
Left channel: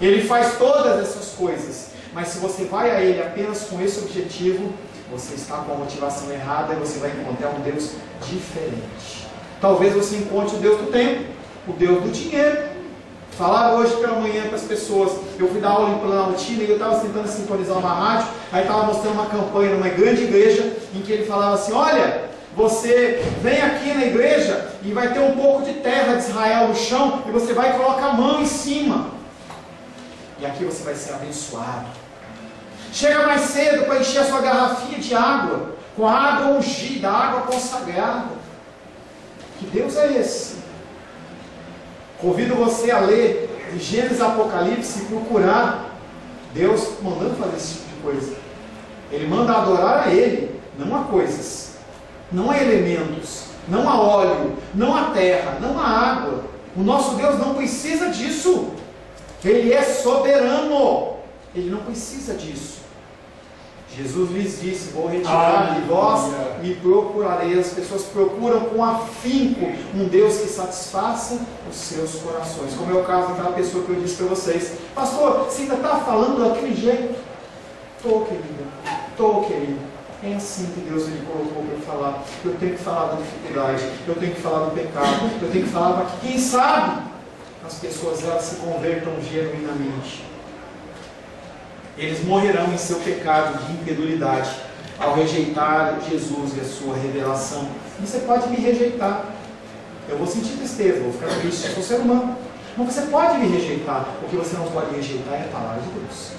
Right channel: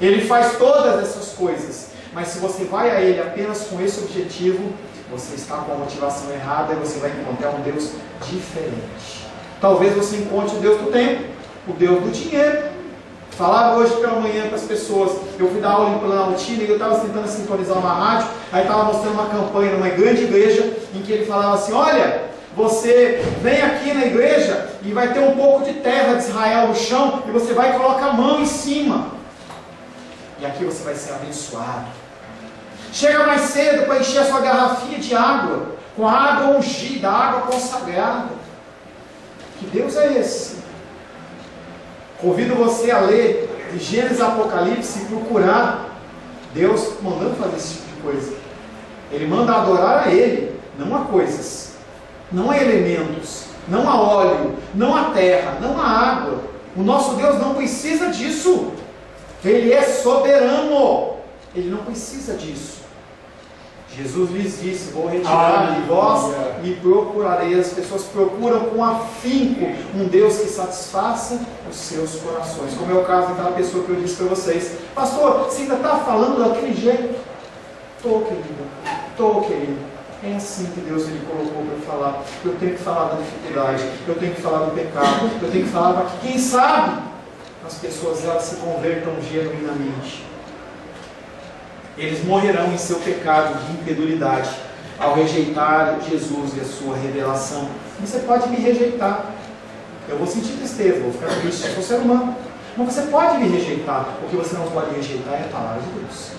Ele faz todas essas coisas, mas se você vai a Ele apenas com esse objetivo, você está com a motivação errada e você vai encontrar um Deus diferente. Talvez você encontre o Deus do tempo, o Deus do dinheiro. Falava hoje pela manhã para as pessoas, eu fui dar aula em Planaltina e eu estava tentando sintonizar uma rádio, aí estava mostrando uma campanha numa grande igreja, em que ele falava assim, olha, você vem aqui na igreja e vai ter um pouco de terra de Israel no chão, e você vai colocar a mão em cima, e aqui você vai ser abençoado. Chega mais cedo para encher a sua garrafinha de água, com a água ungida, a água consagrada. Que Deus é esse? Convido você a ler de Gênesis Apocalipse e procurar Deus mandando fazer esse tipo de coisa. Ele manda adorar a Ele, não a coisas, não a elementos, não a óleo, não a terra, não a água. O nosso Deus não precisa disso. Ele é soberano. Ele não precisa disso. Jesus lhes disse, vou retirar de vós, me procurarei. As pessoas procuram com afinco um Deus que satisfaça os seus corações. Como é o caso daquela pessoa que eu disse para vocês, pastor, você ainda está falando daquele jeito? Estou, querida, estou, querido. É assim que Deus ele colocou para eu falar. Eu tenho que falar da dificuldade, eu tenho que falar do pecado, eu tenho que falar para que, quem sabe, as pessoas elas se convertam genuinamente. Eles morrerão em seu pecado de incredulidade ao rejeitar Jesus e a sua revelação. Você pode me rejeitar, eu vou sentir tristeza, vou ficar triste, eu sou ser humano. Mas você pode me rejeitar. O que você não pode rejeitar é a palavra de Deus,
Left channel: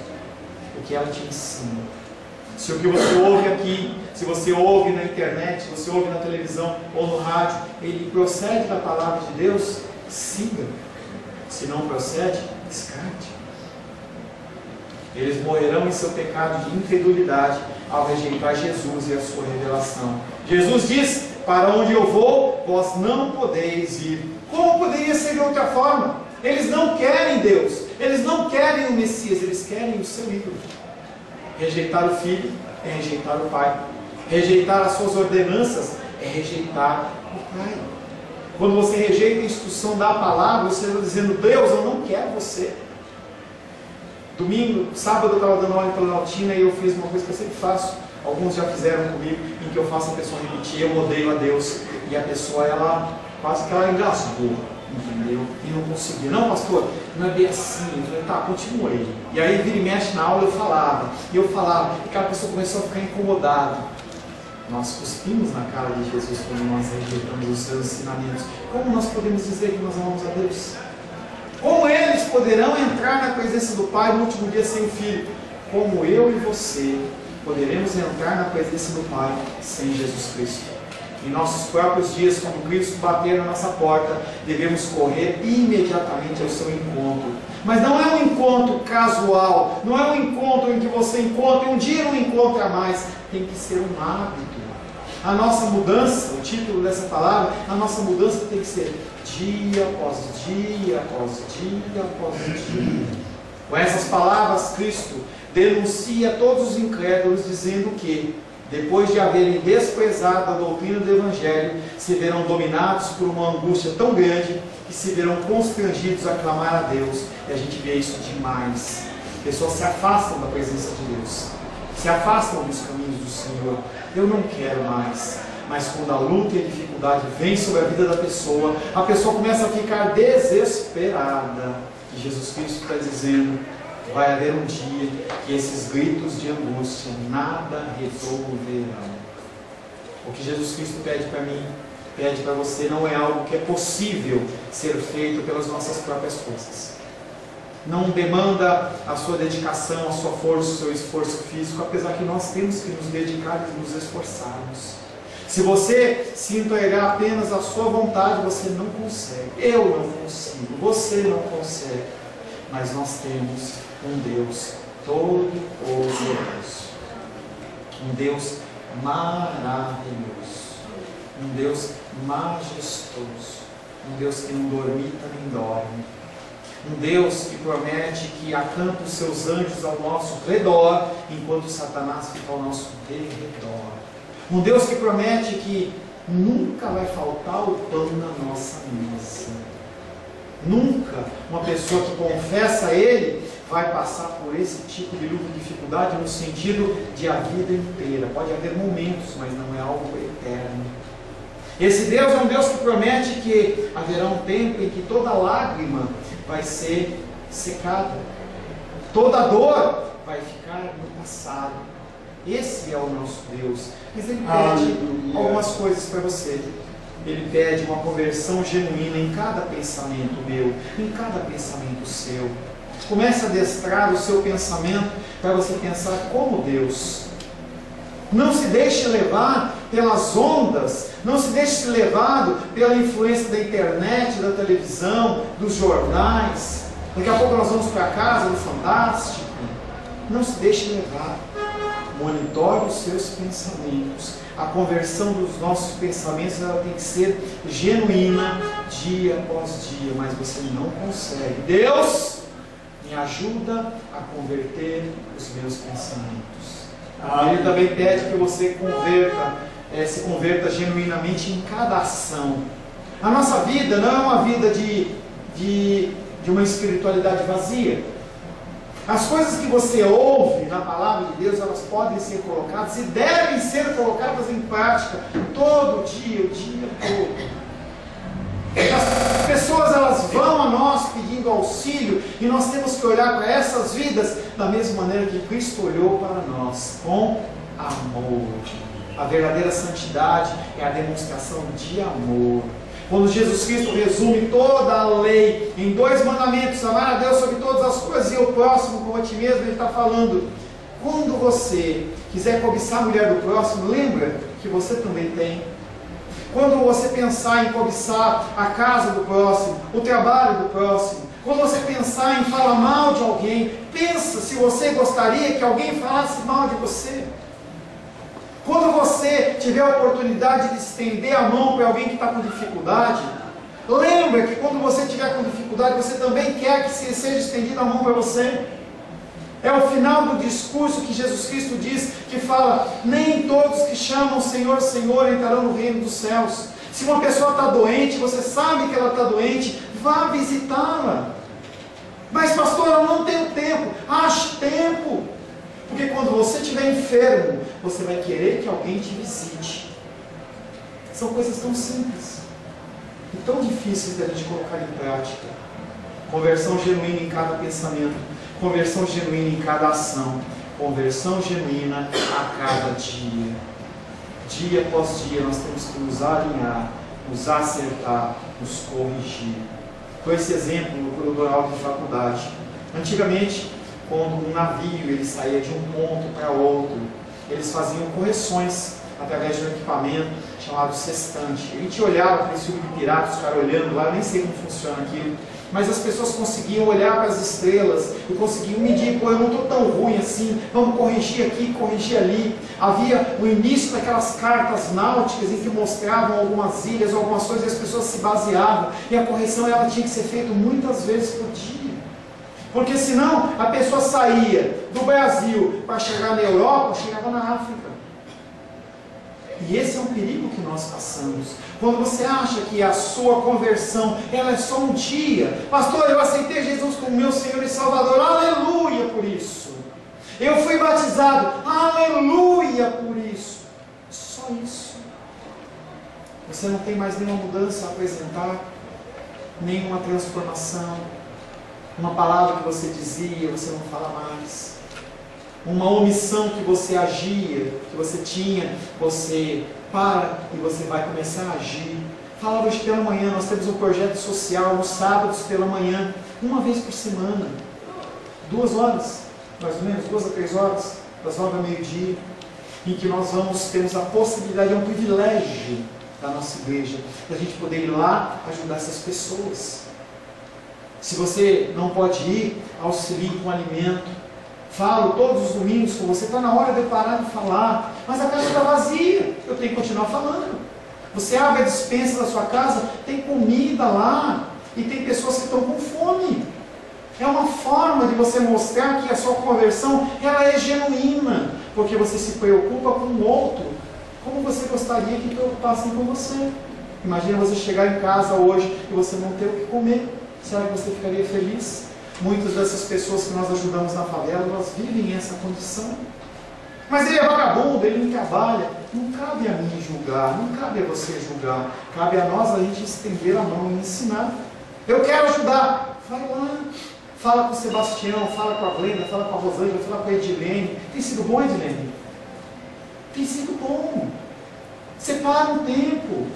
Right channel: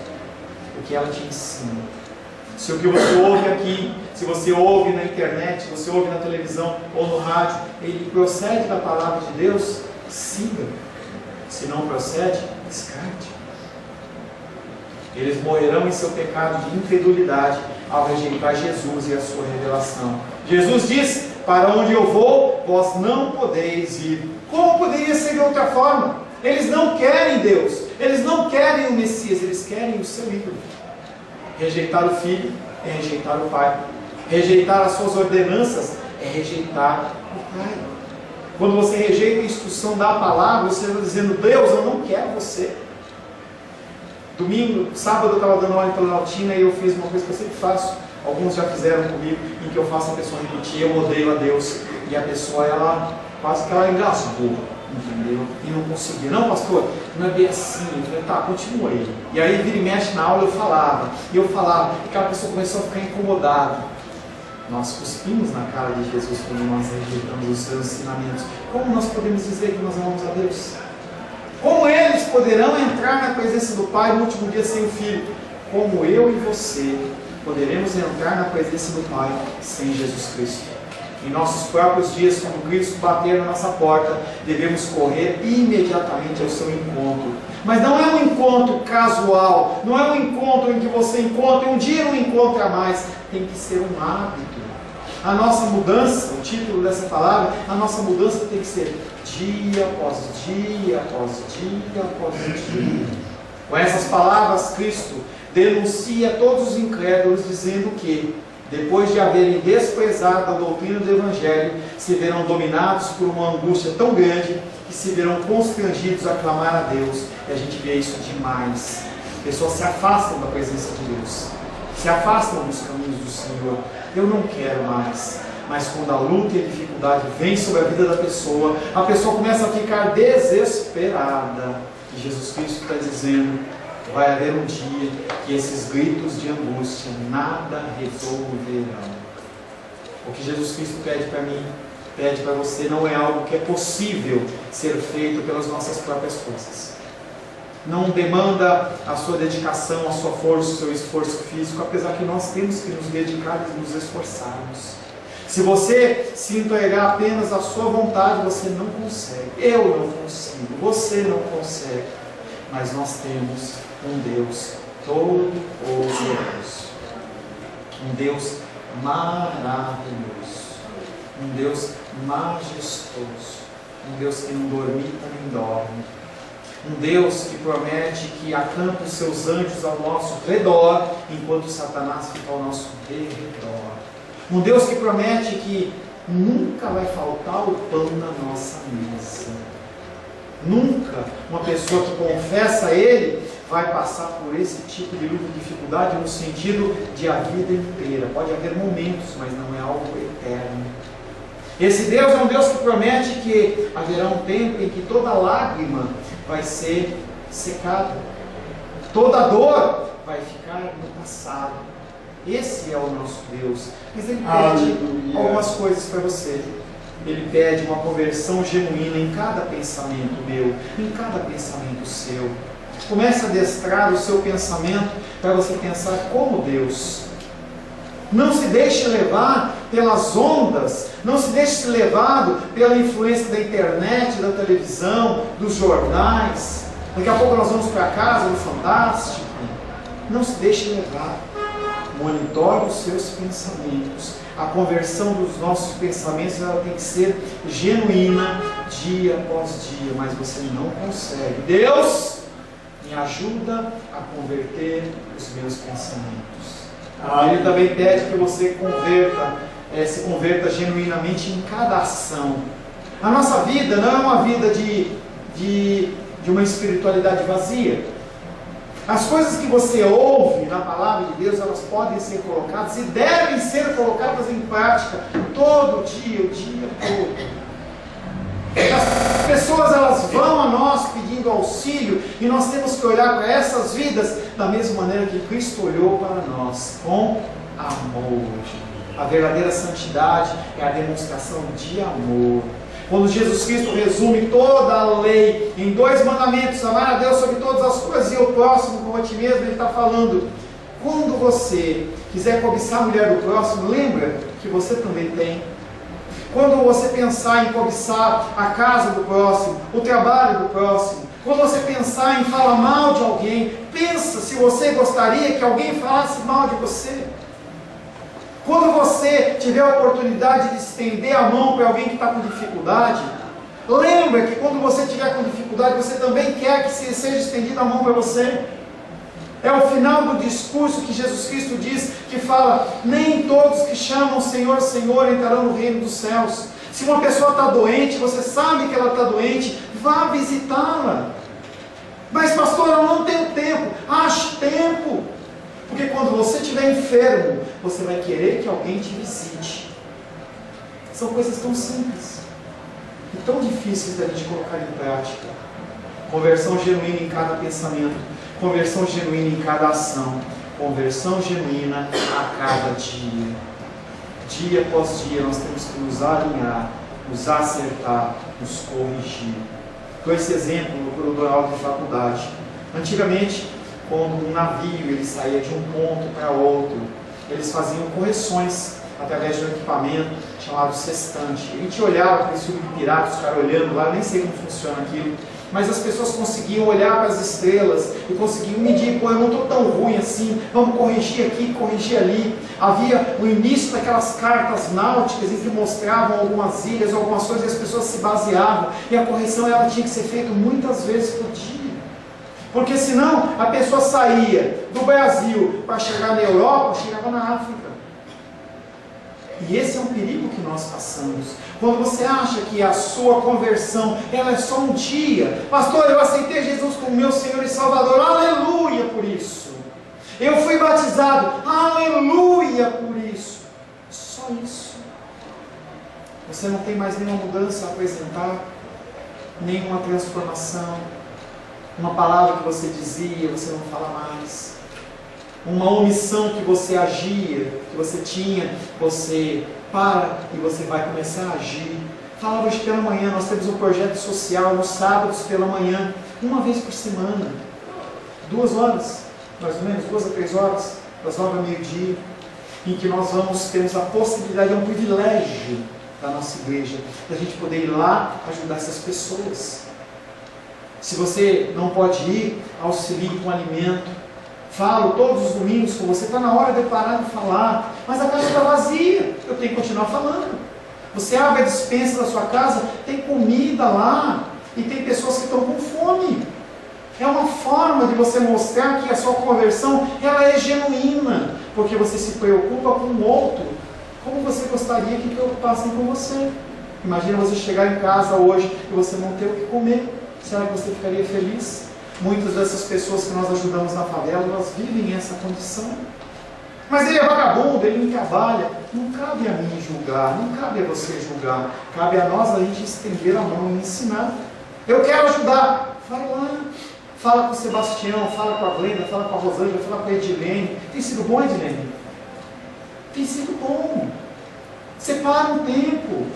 o que ela te ensina. Se o que você ouve aqui, se você ouve na internet, se você ouve na televisão ou no rádio, ele procede da palavra de Deus, siga. Se não procede, descarte. Eles morrerão em seu pecado de incredulidade ao rejeitar Jesus e a sua revelação. Jesus diz, para onde eu vou, vós não podeis ir. Como poderia ser de outra forma? Eles não querem Deus, eles não querem o Messias, eles querem o seu ídolo. Rejeitar o Filho é rejeitar o Pai. Rejeitar as suas ordenanças é rejeitar o Pai. Quando você rejeita a instrução da palavra, você está dizendo, Deus, eu não quero você. Domingo, sábado eu estava dando aula em Planaltina e eu fiz uma coisa que eu sempre faço. Alguns já fizeram comigo, em que eu faço a pessoa repetir, eu odeio a Deus. E a pessoa, ela quase que ela engasgou, entendeu? E não conseguia. Não, pastor, não é bem assim. Eu falei, tá, continua aí. E aí, vira e mexe na aula, eu falava. E aquela pessoa começou a ficar incomodada. Nós cuspimos na cara de Jesus quando nós rejeitamos os seus ensinamentos. Como nós podemos dizer que nós amamos a Deus? Como eles poderão entrar na presença do Pai no último dia sem o Filho? Como eu e você poderemos entrar na presença do Pai sem Jesus Cristo? Em nossos próprios dias, quando Cristo bater na nossa porta, devemos correr imediatamente ao seu encontro. Mas não é um encontro casual, não é um encontro em que você encontra um dia não encontra mais. Tem que ser um hábito. A nossa mudança, o título dessa palavra, a nossa mudança tem que ser dia após dia, após dia, após dia. Com essas palavras, Cristo denuncia todos os incrédulos, dizendo que, depois de haverem desprezado a doutrina do Evangelho, se verão dominados por uma angústia tão grande que se verão constrangidos a clamar a Deus. E a gente vê isso demais. Pessoas se afastam da presença de Deus, se afastam dos caminhos do Senhor. Eu não quero mais. Mas quando a luta e a dificuldade vem sobre a vida da pessoa, a pessoa começa a ficar desesperada. E Jesus Cristo está dizendo: vai haver um dia que esses gritos de angústia nada resolverão. O que Jesus Cristo pede para mim, pede para você, não é algo que é possível ser feito pelas nossas próprias forças. Não demanda a sua dedicação, a sua força, o seu esforço físico, apesar que nós temos que nos dedicar e nos esforçarmos. Se você se entregar apenas à sua vontade, você não consegue. Eu não consigo, você não consegue. Mas nós temos um Deus todo-poderoso, um Deus maravilhoso, um Deus majestoso, um Deus que não dormita nem dorme, um Deus que promete que acampa os seus anjos ao nosso redor, enquanto Satanás fica ao nosso derredor. Um Deus que promete que nunca vai faltar o pão na nossa mesa. Nunca uma pessoa que confessa a Ele vai passar por esse tipo de luta e dificuldade no sentido de a vida inteira. Pode haver momentos, mas não é algo eterno. Esse Deus é um Deus que promete que haverá um tempo em que toda lágrima vai ser secada. Toda dor vai ficar no passado. Esse é o nosso Deus. Mas Ele pede algumas coisas para você. Ele pede uma conversão genuína em cada pensamento meu, em cada pensamento seu. Comece a adestrar o seu pensamento para você pensar como Deus. Não se deixe levar pelas ondas, não se deixe levado pela influência da internet, da televisão, dos jornais. Daqui a pouco nós vamos para casa do Fantástico. Não se deixe levar. Monitore os seus pensamentos. A conversão dos nossos pensamentos ela tem que ser genuína dia após dia, mas você não consegue. Deus, me ajuda a converter os meus pensamentos. Ele também pede que você se converta genuinamente em cada ação. A nossa vida não é uma vida de uma espiritualidade vazia. As coisas que você ouve na palavra de Deus, elas podem ser colocadas e devem ser colocadas em prática todo dia, o dia todo. As pessoas elas vão a nós pedindo auxílio e nós temos que olhar para essas vidas da mesma maneira que Cristo olhou para nós, com amor. A verdadeira santidade é a demonstração de amor. Quando Jesus Cristo resume toda a lei em 2 mandamentos, amar a Deus sobre todas as coisas e o próximo como a ti mesmo, Ele está falando, quando você quiser cobiçar a mulher do próximo, lembra que você também tem. Quando você pensar em cobiçar a casa do próximo, o trabalho do próximo, quando você pensar em falar mal de alguém, pensa se você gostaria que alguém falasse mal de você. Quando você tiver a oportunidade de estender a mão para alguém que está com dificuldade, lembra que quando você estiver com dificuldade, você também quer que seja estendida a mão para você. É o final do discurso que Jesus Cristo diz, que fala, nem todos que chamam Senhor, Senhor entrarão no reino dos céus. Se uma pessoa está doente, você sabe que ela está doente, vá visitá-la. Mas pastor, eu não tenho tempo. Ache tempo. Porque quando você estiver enfermo, você vai querer que alguém te visite. São coisas tão simples e tão difíceis da gente colocar em prática. Conversão genuína em cada pensamento, conversão genuína em cada ação, conversão genuína a cada dia. Dia após dia nós temos que nos alinhar, nos acertar, nos corrigir. Dou esse exemplo no aula de faculdade. Antigamente, quando um navio ele saía de um ponto para outro, eles faziam correções através de um equipamento chamado sextante. A gente olhava para esse filme de piratas, os caras olhando lá, eu nem sei como funciona aquilo, mas as pessoas conseguiam olhar para as estrelas e conseguiam medir, pô, eu não estou tão ruim assim, vamos corrigir aqui, corrigir ali. Havia o início daquelas cartas náuticas em que mostravam algumas ilhas, algumas coisas, e as pessoas se baseavam, e a correção ela tinha que ser feita muitas vezes por dia. Porque senão a pessoa saía do Brasil para chegar na Europa, chegava na África. E esse é um perigo que nós passamos. Quando você acha que a sua conversão ela é só um dia. Pastor, eu aceitei Jesus como meu Senhor e Salvador. Aleluia por isso. Eu fui batizado. Aleluia por isso. Só isso. Você não tem mais nenhuma mudança a apresentar, nenhuma transformação. Uma palavra que você dizia, você não fala mais. Uma omissão que você agia, que você tinha, você para e você vai começar a agir. Falava hoje pela manhã, nós temos um projeto social nos sábados pela manhã, uma vez por semana, 2 horas, mais ou menos, 2 a 3 horas, das 9 ao meio-dia, em que nós temos a possibilidade, é um privilégio da nossa igreja, da gente poder ir lá ajudar essas pessoas. Se você não pode ir, auxilie com alimento. Falo todos os domingos com você, está na hora de eu parar de falar, mas a casa está vazia, eu tenho que continuar falando. Você abre a despensa da sua casa, tem comida lá, e tem pessoas que estão com fome. É uma forma de você mostrar que a sua conversão ela é genuína, porque você se preocupa com o outro, como você gostaria que preocupassem com você. Imagina você chegar em casa hoje e você não ter o que comer. Será que você ficaria feliz? Muitas dessas pessoas que nós ajudamos na favela, elas vivem essa condição. Mas ele é vagabundo, ele não trabalha. Não cabe a mim julgar, não cabe a você julgar. Cabe a nós a gente estender a mão e ensinar. Eu quero ajudar. Vai lá. Fala com o Sebastião, fala com a Glenda, fala com a Rosângela, fala com a Edilene. Tem sido bom, Edilene? Tem sido bom. Separa um tempo.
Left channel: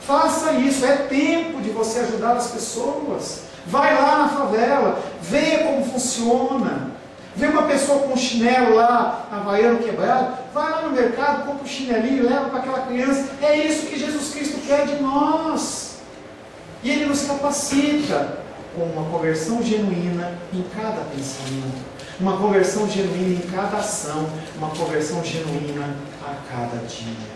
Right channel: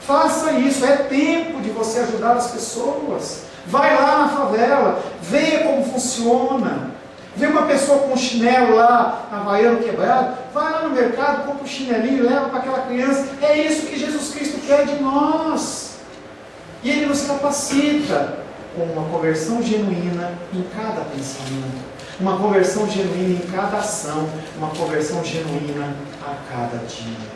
Faça isso, é tempo de você ajudar as pessoas. Vai lá na favela, veja como funciona. Vê uma pessoa com um chinelo lá, havaiano quebrado, vai lá no mercado, compra um chinelinho e leva para aquela criança. É isso que Jesus Cristo quer de nós. E Ele nos capacita com uma conversão genuína em cada pensamento, uma conversão genuína em cada ação, uma conversão genuína a cada dia.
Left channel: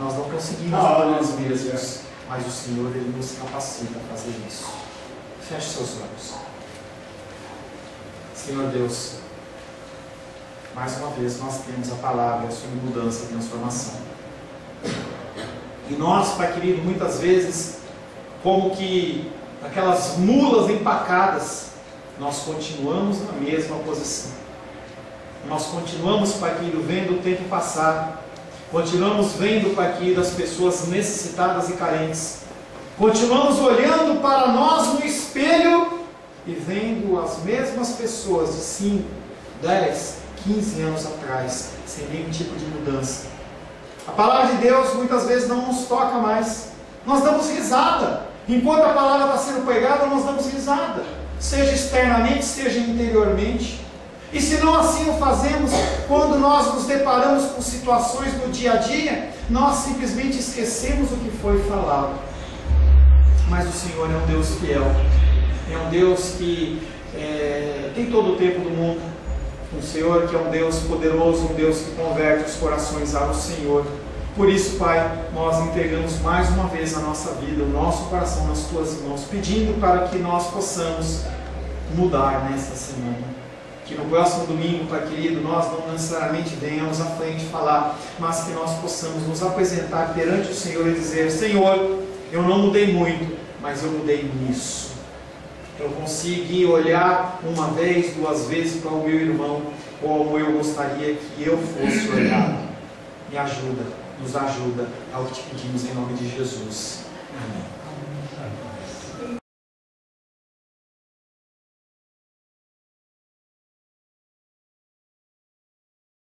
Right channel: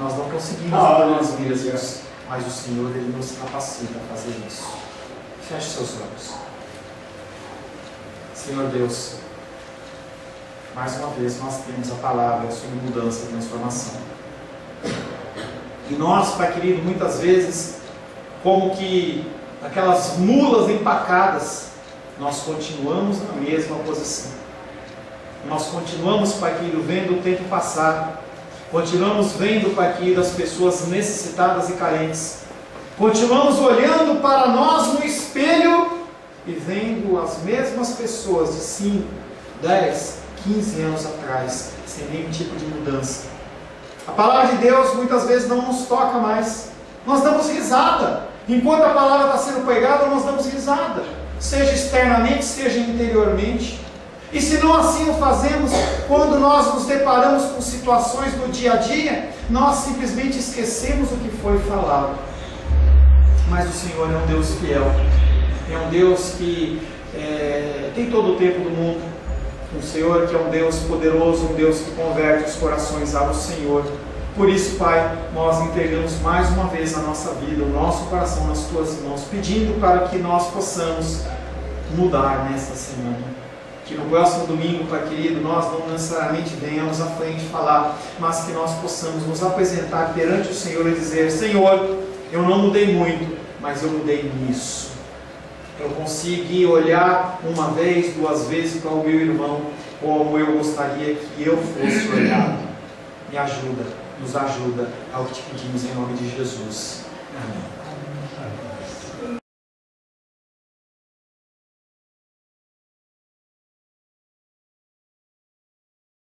Nós não conseguimos por nós mesmos, mas o Senhor Ele nos capacita a fazer isso. Feche seus olhos. Senhor Deus, mais uma vez nós temos a palavra sobre mudança e transformação. E nós, Pai querido, muitas vezes, como que aquelas mulas empacadas, nós continuamos na mesma posição. Nós continuamos, Pai querido, vendo o tempo passar. Continuamos vendo, Pai querido, as pessoas necessitadas e carentes. Continuamos olhando para nós no espelho e vendo as mesmas pessoas de 5, 10, 15 anos atrás, sem nenhum tipo de mudança. A palavra de Deus muitas vezes não nos toca mais. Nós damos risada. Enquanto a palavra está sendo pregada, nós damos risada. Seja externamente, seja interiormente. E se não assim o fazemos, quando nós nos deparamos com situações no dia a dia, nós simplesmente esquecemos o que foi falado. Mas o Senhor é um Deus fiel, é um Deus que tem todo o tempo do mundo, um Senhor que é um Deus poderoso, um Deus que converte os corações ao Senhor. Por isso, Pai, nós entregamos mais uma vez a nossa vida, o nosso coração nas Tuas mãos, pedindo para que nós possamos mudar nesta semana. Que no próximo domingo, Pai querido, nós não necessariamente venhamos à frente falar, mas que nós possamos nos apresentar perante o Senhor e dizer: Senhor, eu não mudei muito, mas eu mudei nisso. Eu consegui olhar uma vez, 2 vezes para o meu irmão, como eu gostaria que eu fosse olhado. Me ajuda, nos ajuda, é o que te pedimos em nome de Jesus. Amém.